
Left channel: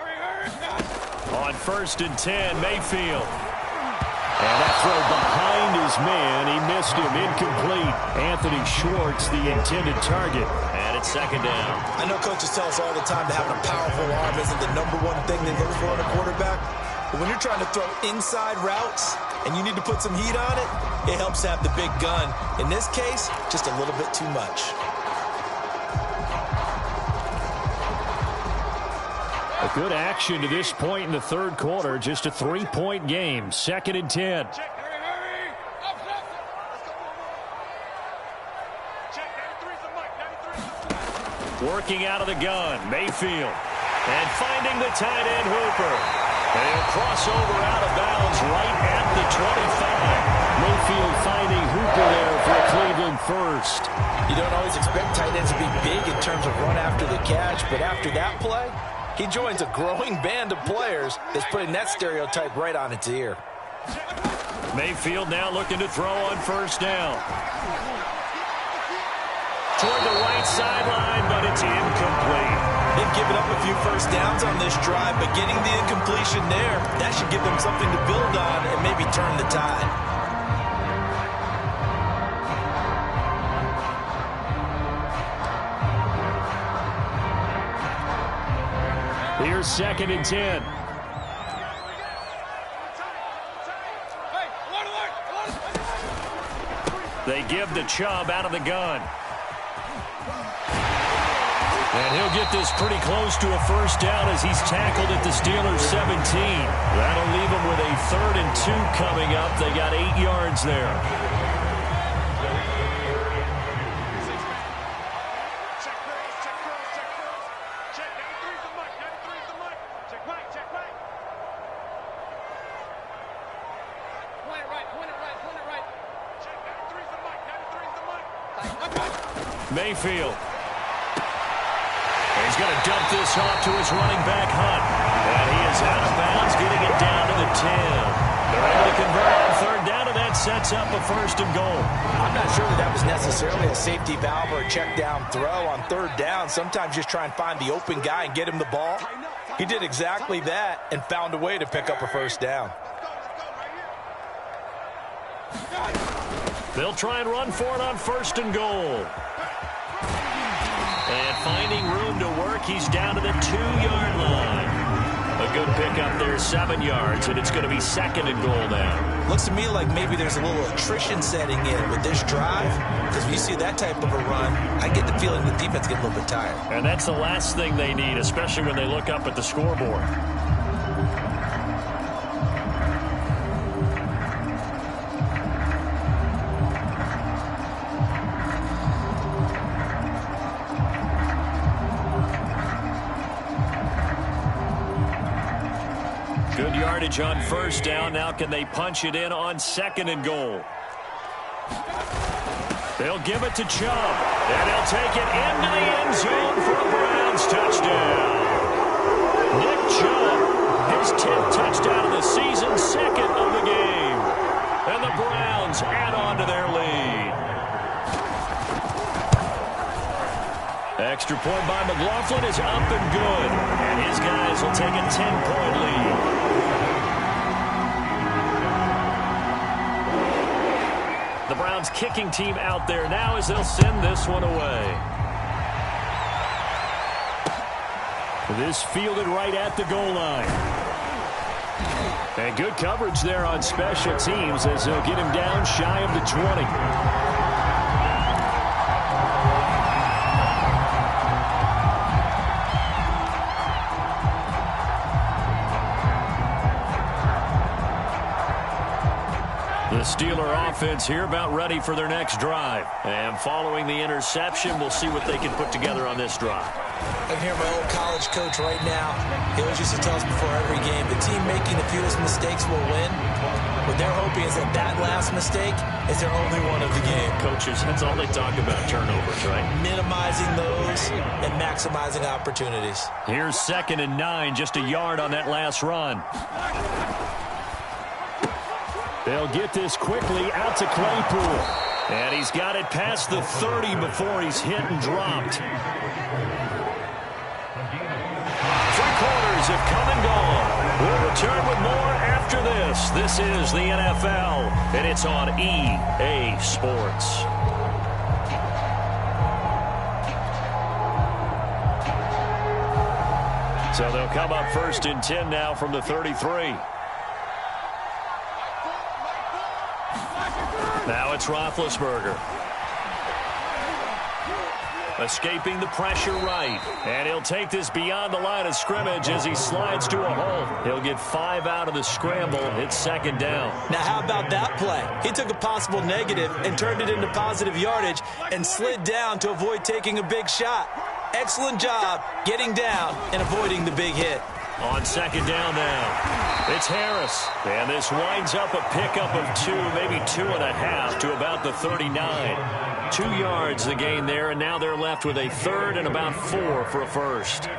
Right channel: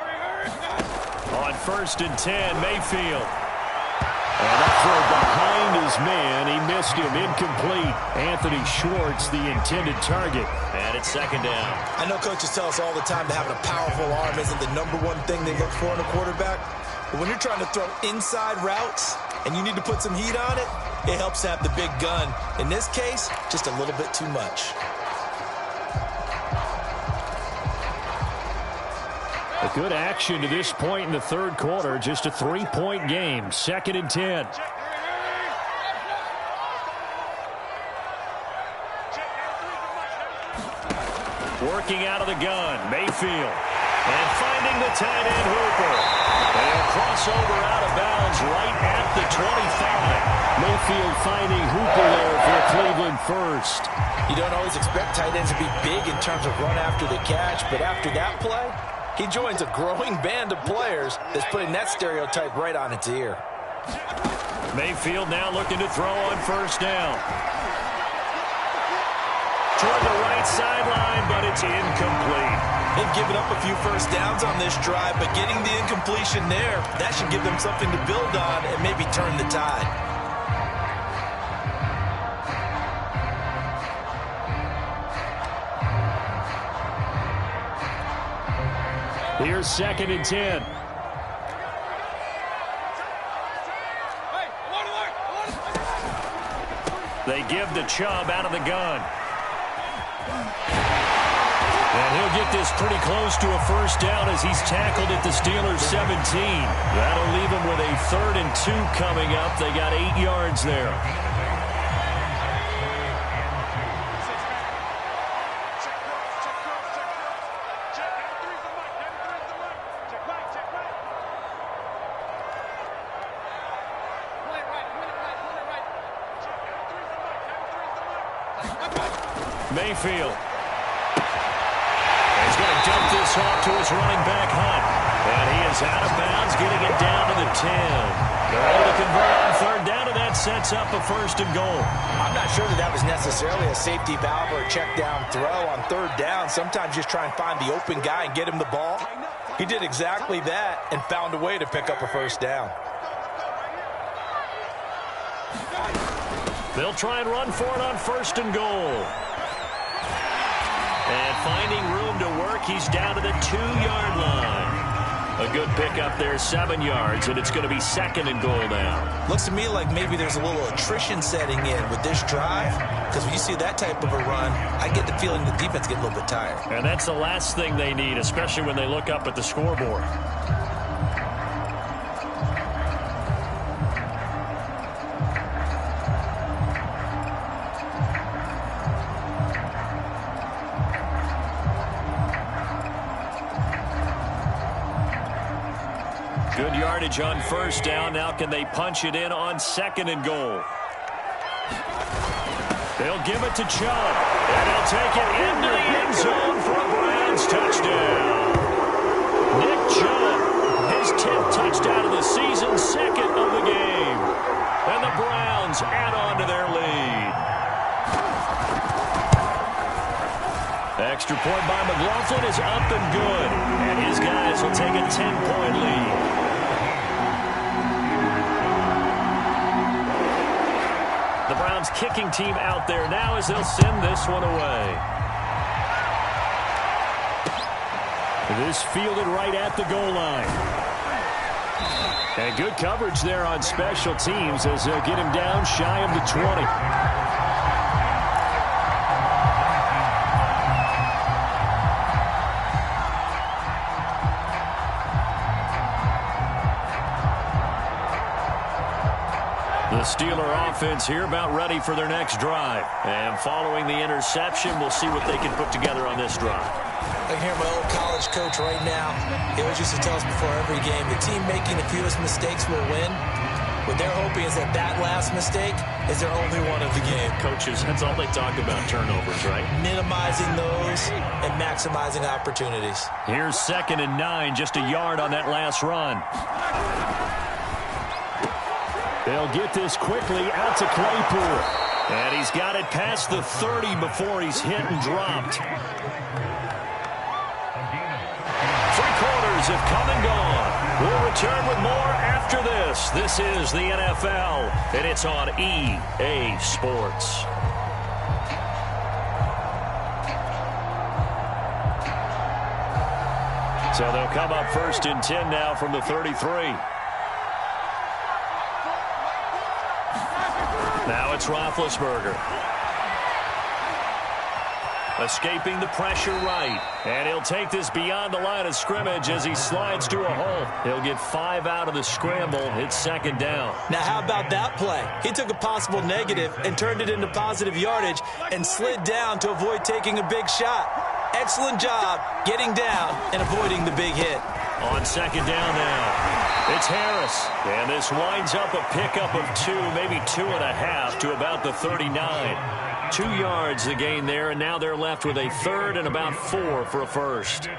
Hurry. On 1st and 10, Mayfield. And that throw behind his man. He missed him. Incomplete. Anthony Schwartz, the intended target. And it's 2nd down. I know coaches tell us all the time that having a powerful arm isn't the #1 thing they look for in a quarterback. But when you're trying to throw inside routes and you need to put some heat on it, it helps to have the big gun. In this case, just a little bit too much. A good action to this point in the 3rd quarter. Just a 3-point game. 2nd and 10. Check 93's the mic. Working out of the gun, Mayfield. And finding the tight end, Hooper. And he'll cross over out of bounds right at the 25. Mayfield finding Hooper there for a Cleveland first. You don't always expect tight ends to be big in terms of run after the catch, but after that play, he joins a growing band of players that's putting that stereotype right on its ear. Mayfield now looking to throw on 1st down. Toward the right sideline, but it's incomplete. They've given up a few first downs on this drive, but getting the incompletion there, that should give them something to build on and maybe turn the tide. Here's 2nd and 10. They give to Chubb out of the gun. And he'll get this pretty close to a 1st down as he's tackled at the Steelers' 17. That'll leave them with a 3rd and 2 coming up. They got 8 yards there. Mayfield. And he's going to dump this off to his running back, Hunt. And he is out of bounds, getting it down to the 10. They're able to convert on 3rd down, and that sets up a 1st and goal. I'm not sure that was necessarily a safety valve or a check down throw on 3rd down. Sometimes just try and find the open guy and get him the ball. He did exactly that and found a way to pick up a 1st down. They'll try and run for it on 1st and goal. And finding room to work, he's down to the 2-yard line. A good pickup there, 7 yards, and it's going to be 2nd and goal now. Looks to me like maybe there's a little attrition setting in with this drive, because when you see that type of a run, I get the feeling the defense gets a little bit tired. And that's the last thing they need, especially when they look up at the scoreboard. Good yardage on 1st down. Now can they punch it in on 2nd and goal? They'll give it to Chubb. And he'll take it into the end zone for a Browns touchdown. Nick Chubb, his 10th touchdown of the season, 2nd of the game. And the Browns add on to their lead. Extra point by McLaughlin is up and good. And his guys will take a 10-point lead. The Browns kicking team out there now as they'll send this one away. This fielded right at the goal line. And good coverage there on special teams as they'll get him down shy of the 20. The Steeler offense here about ready for their next drive. And following the interception, we'll see what they can put together on this drive. I can hear my old college coach right now. He always used to tell us before every game, the team making the fewest mistakes will win. What they're hoping is that that last mistake is their only one of the game. Coaches, that's all they talk about, turnovers, right? Minimizing those and maximizing opportunities. Here's 2nd and 9, just a yard on that last run. They'll get this quickly out to Claypool. And he's got it past the 30 before he's hit and dropped. 3 quarters have come and gone. We'll return with more after this. This is the NFL, and it's on EA Sports. So they'll come up 1st and 10 now from the 33. Now it's Roethlisberger. Escaping the pressure right. And he'll take this beyond the line of scrimmage as he slides to a hole. He'll get 5 out of the scramble. It's 2nd down. Now how about that play? He took a possible negative and turned it into positive yardage and slid down to avoid taking a big shot. Excellent job getting down and avoiding the big hit. On 2nd down now, it's Harris. And this winds up a pickup of 2, maybe 2.5 to about the 39. 2 yards the gain there, and now they're left with a 3rd and about 4 for a first.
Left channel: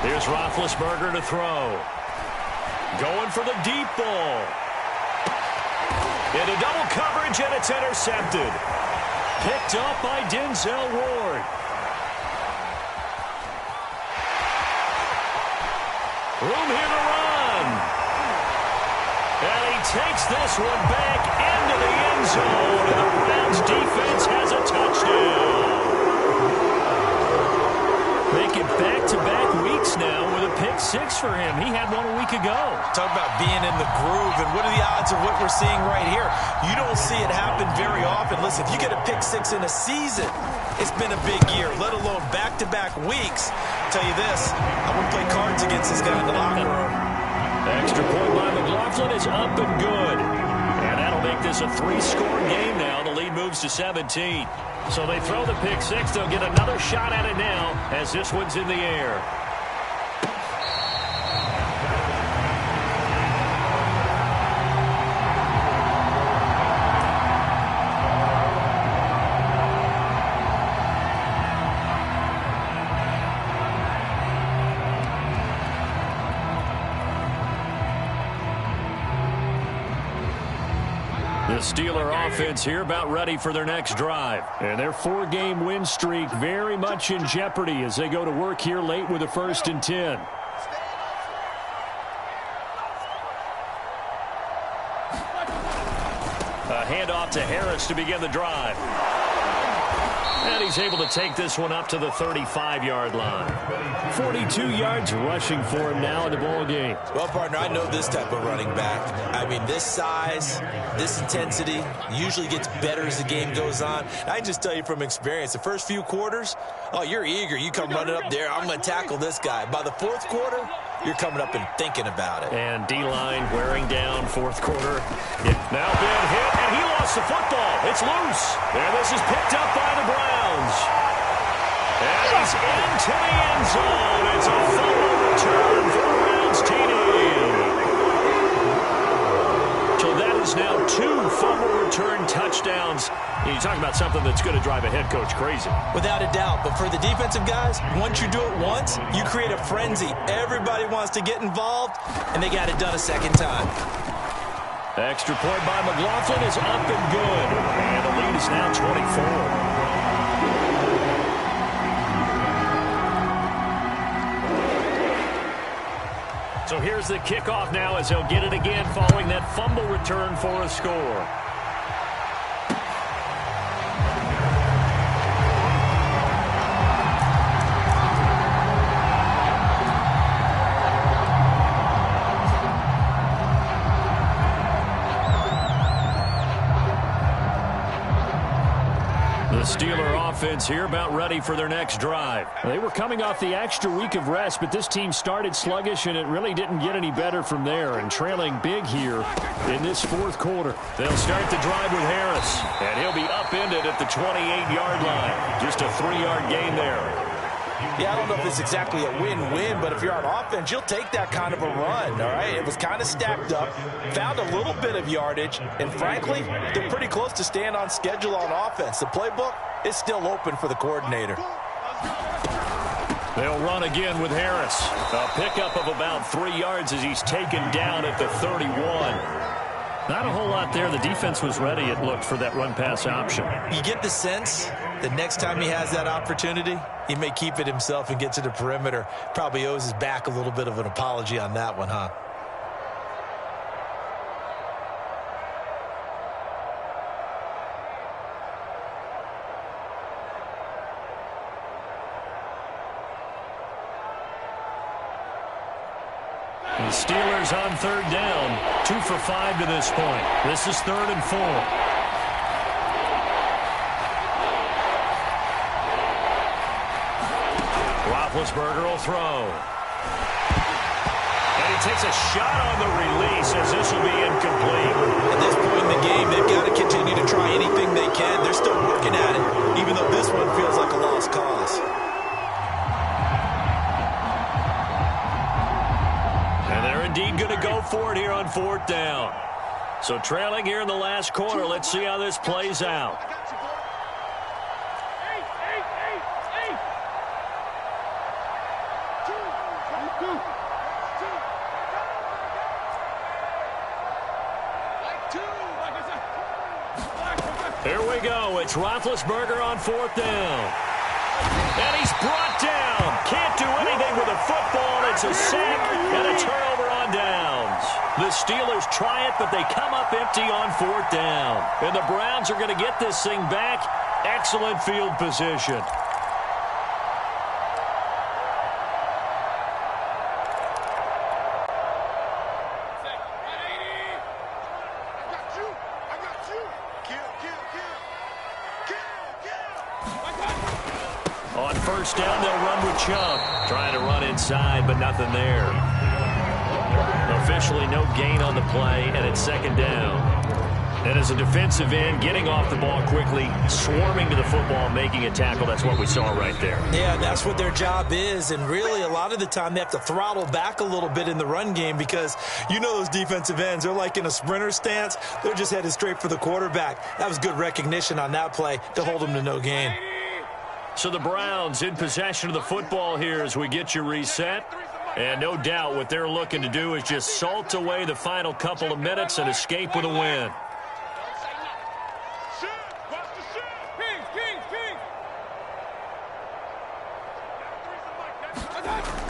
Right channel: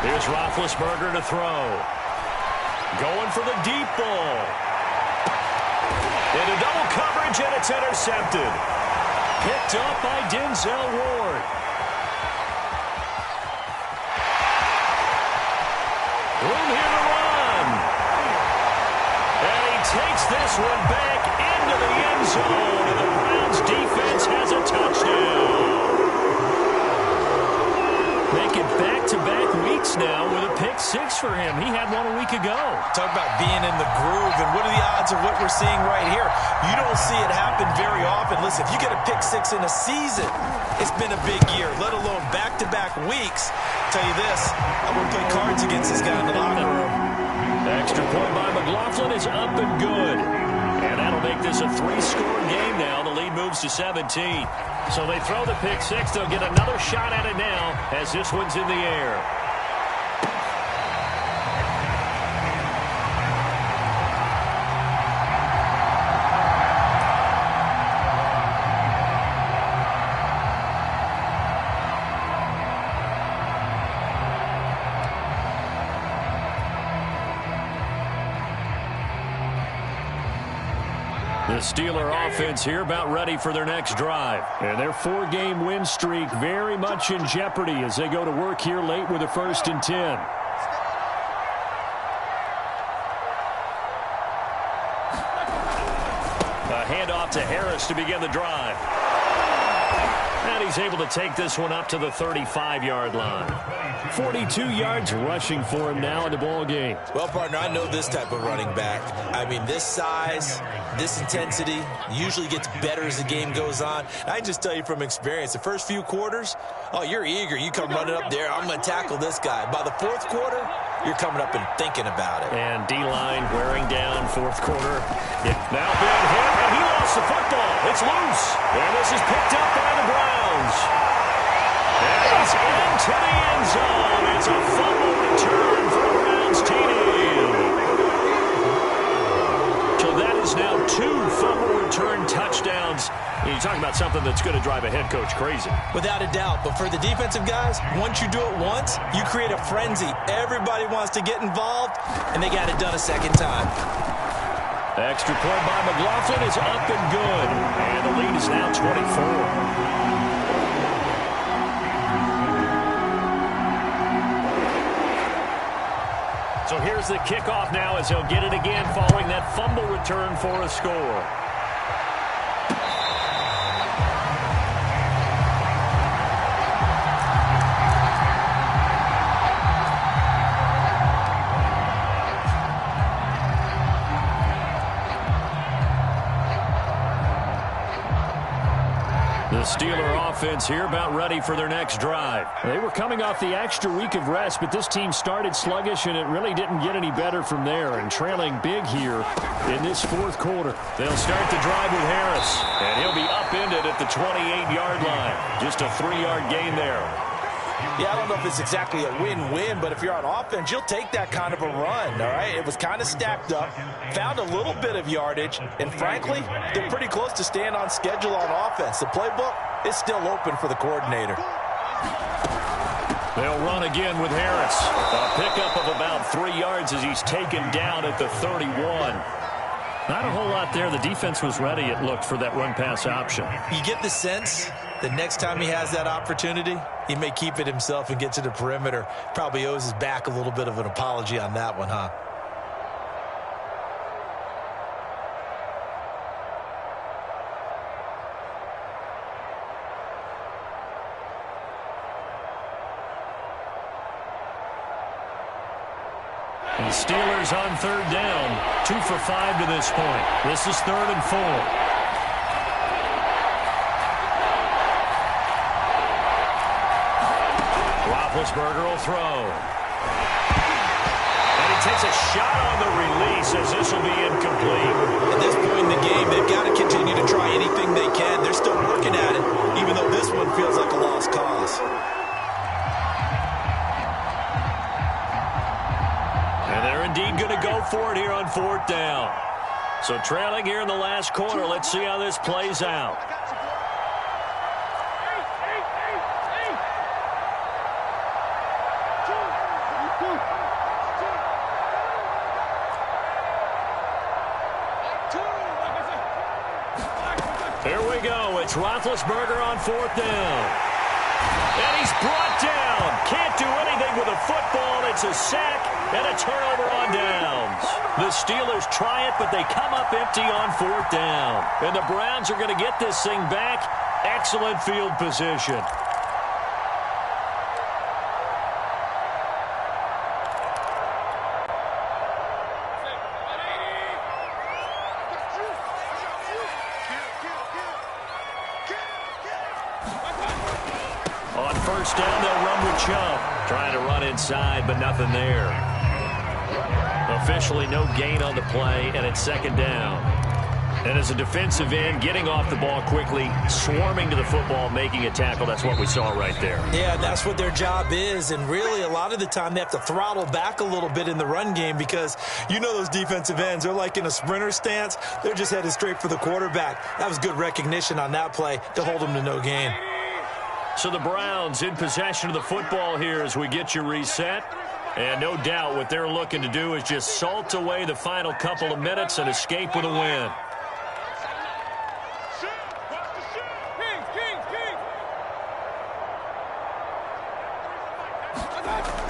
Here's Roethlisberger to throw. Going for the deep ball. Into double coverage, and it's intercepted. Picked up by Denzel Ward. Room here to run. And he takes this one back into the end zone, and the Browns defense has a touchdown. Making back-to-back weeks now with a pick 6 for him. He had one a week ago. Talk about being in the groove, and what are the odds of what we're seeing right here? You don't see it happen very often. Listen, if you get a pick 6 in a season, it's been a big year, let alone back-to-back weeks. I'll tell you this, I wouldn't play cards against this guy in the locker room. Extra point by McLaughlin is up and good. And that'll make this a 3-score game now. The lead moves to 17. So they throw the pick 6. They'll get another shot at it now as this one's in the air. The Steeler offense here about ready for their next drive. And their 4-game win streak very much in jeopardy as they go to work here late with a 1st and 10. A handoff to Harris to begin the drive. And he's able to take this one up to the 35-yard line. 42 yards rushing for him now in the ball game. Well, partner, I know this type of running back. I mean, this size, this intensity usually gets better as the game goes on. I can just tell you from experience, the first few quarters, oh, you're eager. You come running up there, I'm going to tackle this guy. By the 4th quarter, you're coming up and thinking about it. And D-line wearing down 4th quarter. Now been hit, and he lost the football. It's loose. And this is picked up by the Browns. And he's into the end zone. It's a fumble return for the Browns TD. So that is now 2 fumble return touchdowns. And you talk about something that's going to drive a head coach crazy. Without a doubt. But for the defensive guys, once you do it once, you create a frenzy. Everybody wants to get involved, and they got it done a second time. Extra point by McLaughlin is up and good. And the lead is now 24. So here's the kickoff now as they'll get it again following that fumble return for a score. Steeler offense here about ready for their next drive. They were coming off the extra week of rest, but this team started sluggish, and it really didn't get any better from there, and trailing big here in this fourth quarter. They'll start the drive with Harris, and he'll be upended at the 28-yard line. Just a 3-yard gain there. Yeah, I don't know if it's exactly a win-win, but if you're on offense, you'll take that kind of a run, all right? It was kind of stacked up, found a little bit of yardage, and frankly, they're pretty close to staying on schedule on offense. The playbook is still open for the coordinator. They'll run again with Harris. A pickup of about 3 yards as he's taken down at the 31. Not a whole lot there. The defense was ready, it looked, for that run-pass option. You get the sense that next time he has that opportunity, he may keep it himself and get to the perimeter. Probably owes his back a little bit of an apology on that one, huh? The Steelers on third down. 2 for 5 to this point. This is 3rd and 4. Roethlisberger will throw. And he takes a shot on the release as this will be incomplete. At this point in the game, they've got to continue to try anything they can. They're still working at it, even though this one feels like a lost cause. And they're indeed going to go for it here on 4th down. So trailing here in the last quarter, let's see how this plays out. Here we go. It's Roethlisberger on 4th down. And he's brought down. Can't do anything with a football. It's a sack and a turnover on downs. The Steelers try it, but they come up empty on 4th down. And the Browns are going to get this thing back. Excellent field position. On 1st down, they'll run with Chubb. Trying to run inside, but nothing there. Officially no gain on the play, and it's 2nd down. And as a defensive end, getting off the ball quickly, swarming to the football, making a tackle, that's what we saw right there. Yeah, that's what their job is, and really a lot of the time they have to throttle back a little bit in the run game because you know those defensive ends, they're like in a sprinter stance. They're just headed straight for the quarterback. That was good recognition on that play to hold them to no gain. So the Browns in possession of the football here as we get you reset. And no doubt what they're looking to do is just salt away the final couple of minutes and escape with a win.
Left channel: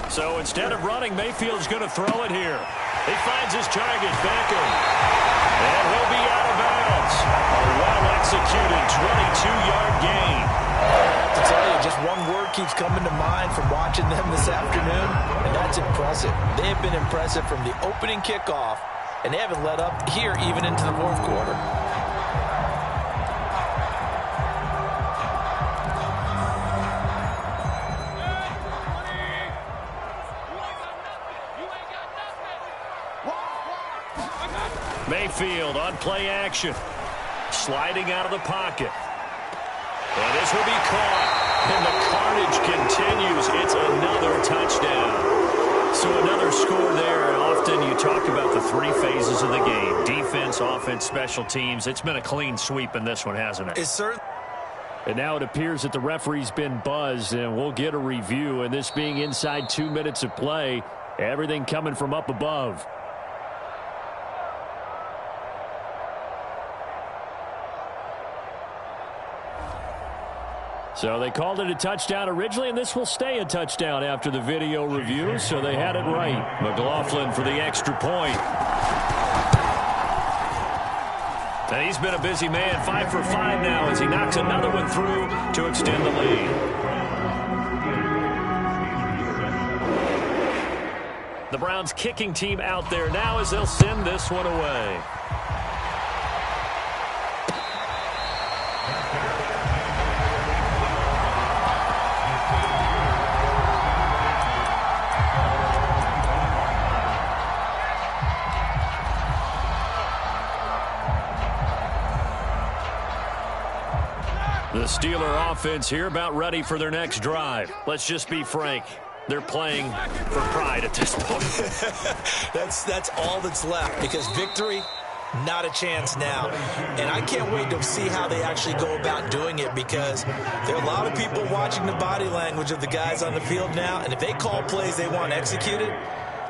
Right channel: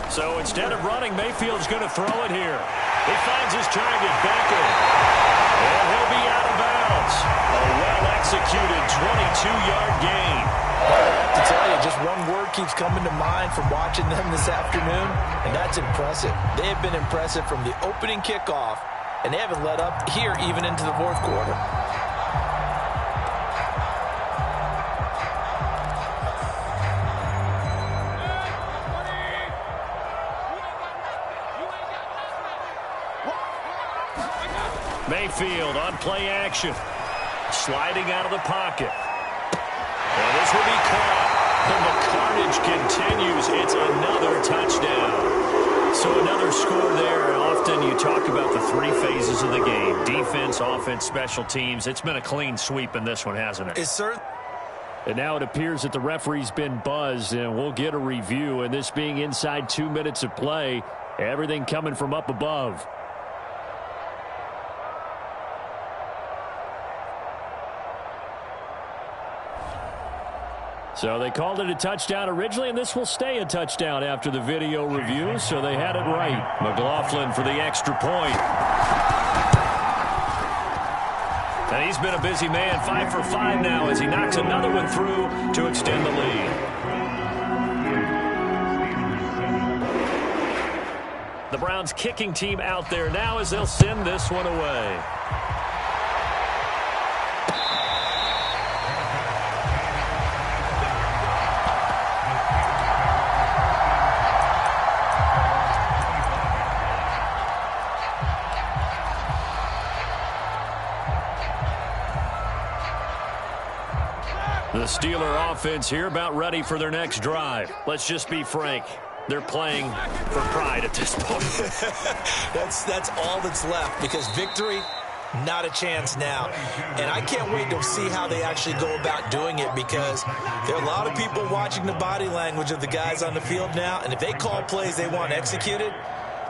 So instead of running, Mayfield's going to throw it here. He finds his target, Beckham. And he'll be out of bounds. A well-executed 22-yard gain. I have to tell you, just one word keeps coming to mind from watching them this afternoon, and that's impressive. They have been impressive from the opening kickoff, and they haven't let up here even into the 4th quarter. Mayfield on play action. Sliding out of the pocket. And this will be caught. And the carnage continues. It's another touchdown. So another score there. And often you talk about the 3 phases of the game. Defense, offense, special teams. It's been a clean sweep in this one, hasn't it? It's certain. And now it appears that the referee's been buzzed, and we'll get a review. And this being inside 2 minutes of play, everything coming from up above. So they called it a touchdown originally, and this will stay a touchdown after the video review, so they had it right. McLaughlin for the extra point. And he's been a busy man, 5 for 5 now as he knocks another one through to extend the lead. The Browns kicking team out there now as they'll send this one away. The Steeler offense here about ready for their next drive. Let's just be frank. They're playing for pride at this point. That's all that's left, because victory, not a chance now. And I can't wait to see how they actually go about doing it, because there are a lot of people watching the body language of the guys on the field now, and if they call plays they want executed,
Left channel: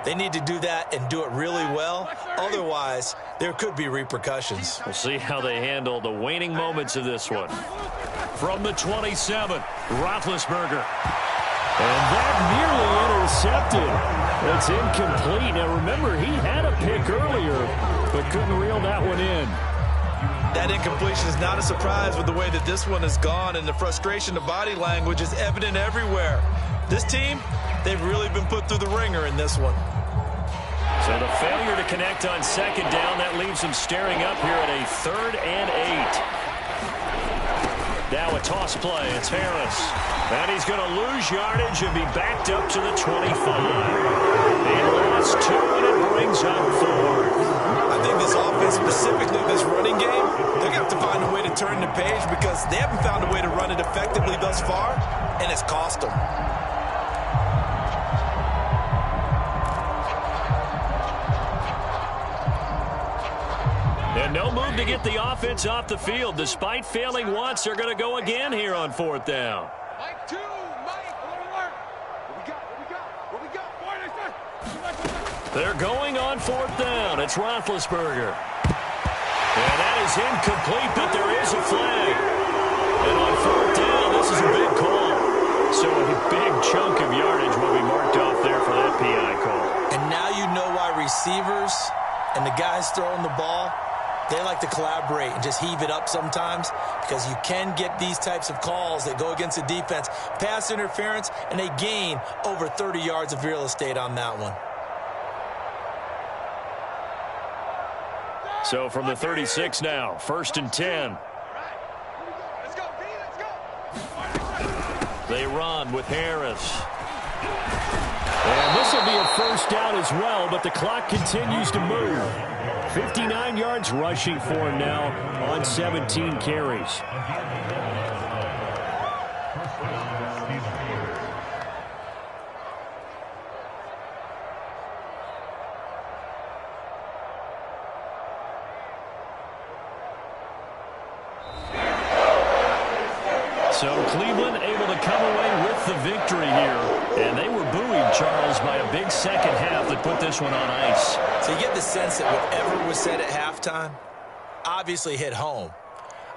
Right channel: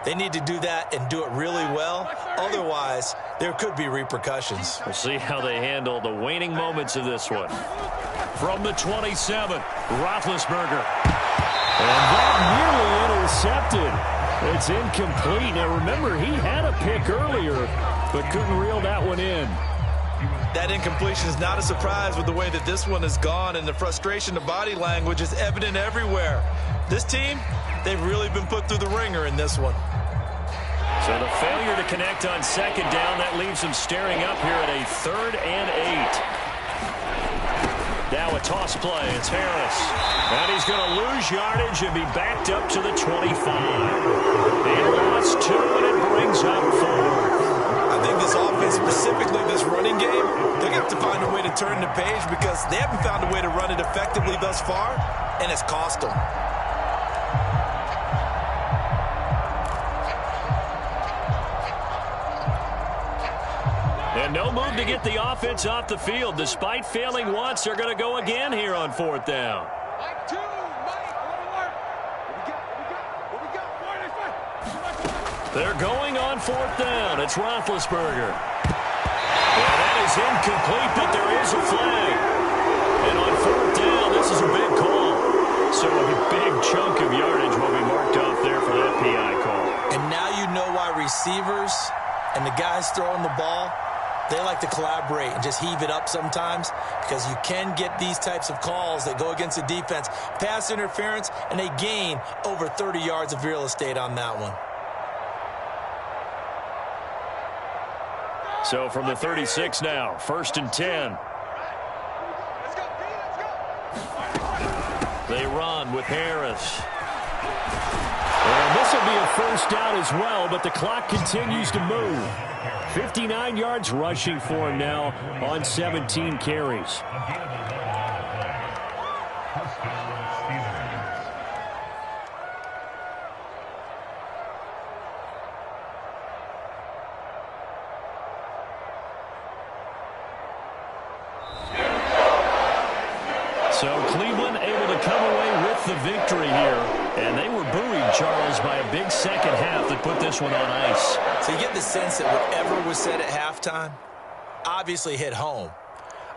they need to do that and do it really well. Otherwise, there could be repercussions. We'll see how they handle the waning moments of this one. From the 27, Roethlisberger. And that nearly intercepted. It's incomplete. Now, remember, he had a pick earlier, but couldn't reel that one in. That incompletion is not a surprise with the way that this one has gone, and the frustration, the body language is evident everywhere. This team, they've really been put through the ringer in this one. So the failure to connect on second down, that leaves them staring up here at a 3rd and 8. Now a toss play. It's Harris. And he's going to lose yardage and be backed up to the 25. He lost 2, and it brings up 4. I think this offense, specifically this running game, they're going to have to find a way to turn the page, because they haven't found a way to run it effectively thus far, and it's cost them. And no move to get the offense off the field. Despite failing once, they're going to go again here on 4th down. Mike 2, Mike, alert. What we got? They're going on 4th down. It's Roethlisberger. And that is incomplete, but there is a flag. And on 4th down, this is a big call. So a big chunk of yardage will be marked off there for that PI call. And now you know why receivers and the guys throwing the ball, they like to collaborate and just heave it up sometimes, because you can get these types of calls that go against the defense. Pass interference, and they gain over 30 yards of real estate on that one. So from the 36 now, 1st and 10. Let's go, B, let's go. They run with Harris. And this will be a 1st down as well, but the clock continues to move. 59 yards rushing for him now on 17 carries. So Cleveland able to come away with the victory here. And they were buoyed, Charles, by a big second half that put this one on ice. So you get the sense that whatever was said at halftime obviously hit home.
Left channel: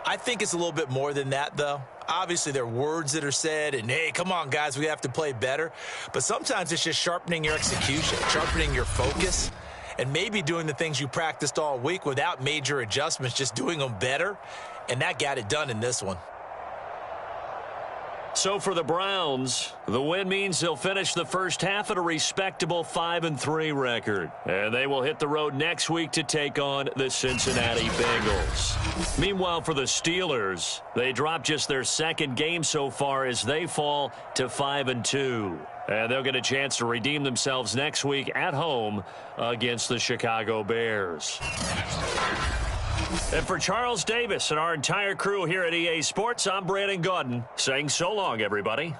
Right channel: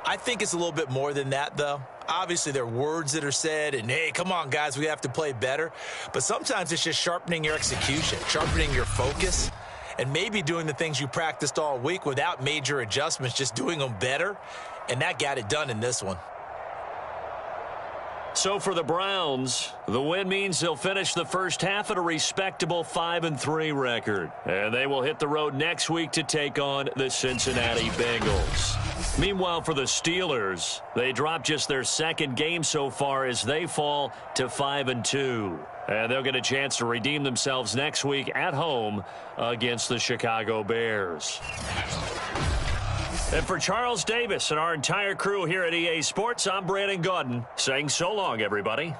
I think it's a little bit more than that, though. Obviously, there are words that are said, and, hey, come on, guys, we have to play better. But sometimes it's just sharpening your execution, sharpening your focus, and maybe doing the things you practiced all week without major adjustments, just doing them better. And that got it done in this one. So for the Browns, the win means they'll finish the first half at a respectable 5-3 record. And they will hit the road next week to take on the Cincinnati Bengals. Meanwhile, for the Steelers, they dropped just their 2nd game so far as they fall to 5-2. And they'll get a chance to redeem themselves next week at home against the Chicago Bears. And for Charles Davis and our entire crew here at EA Sports, I'm Brandon Gaudin saying so long, everybody.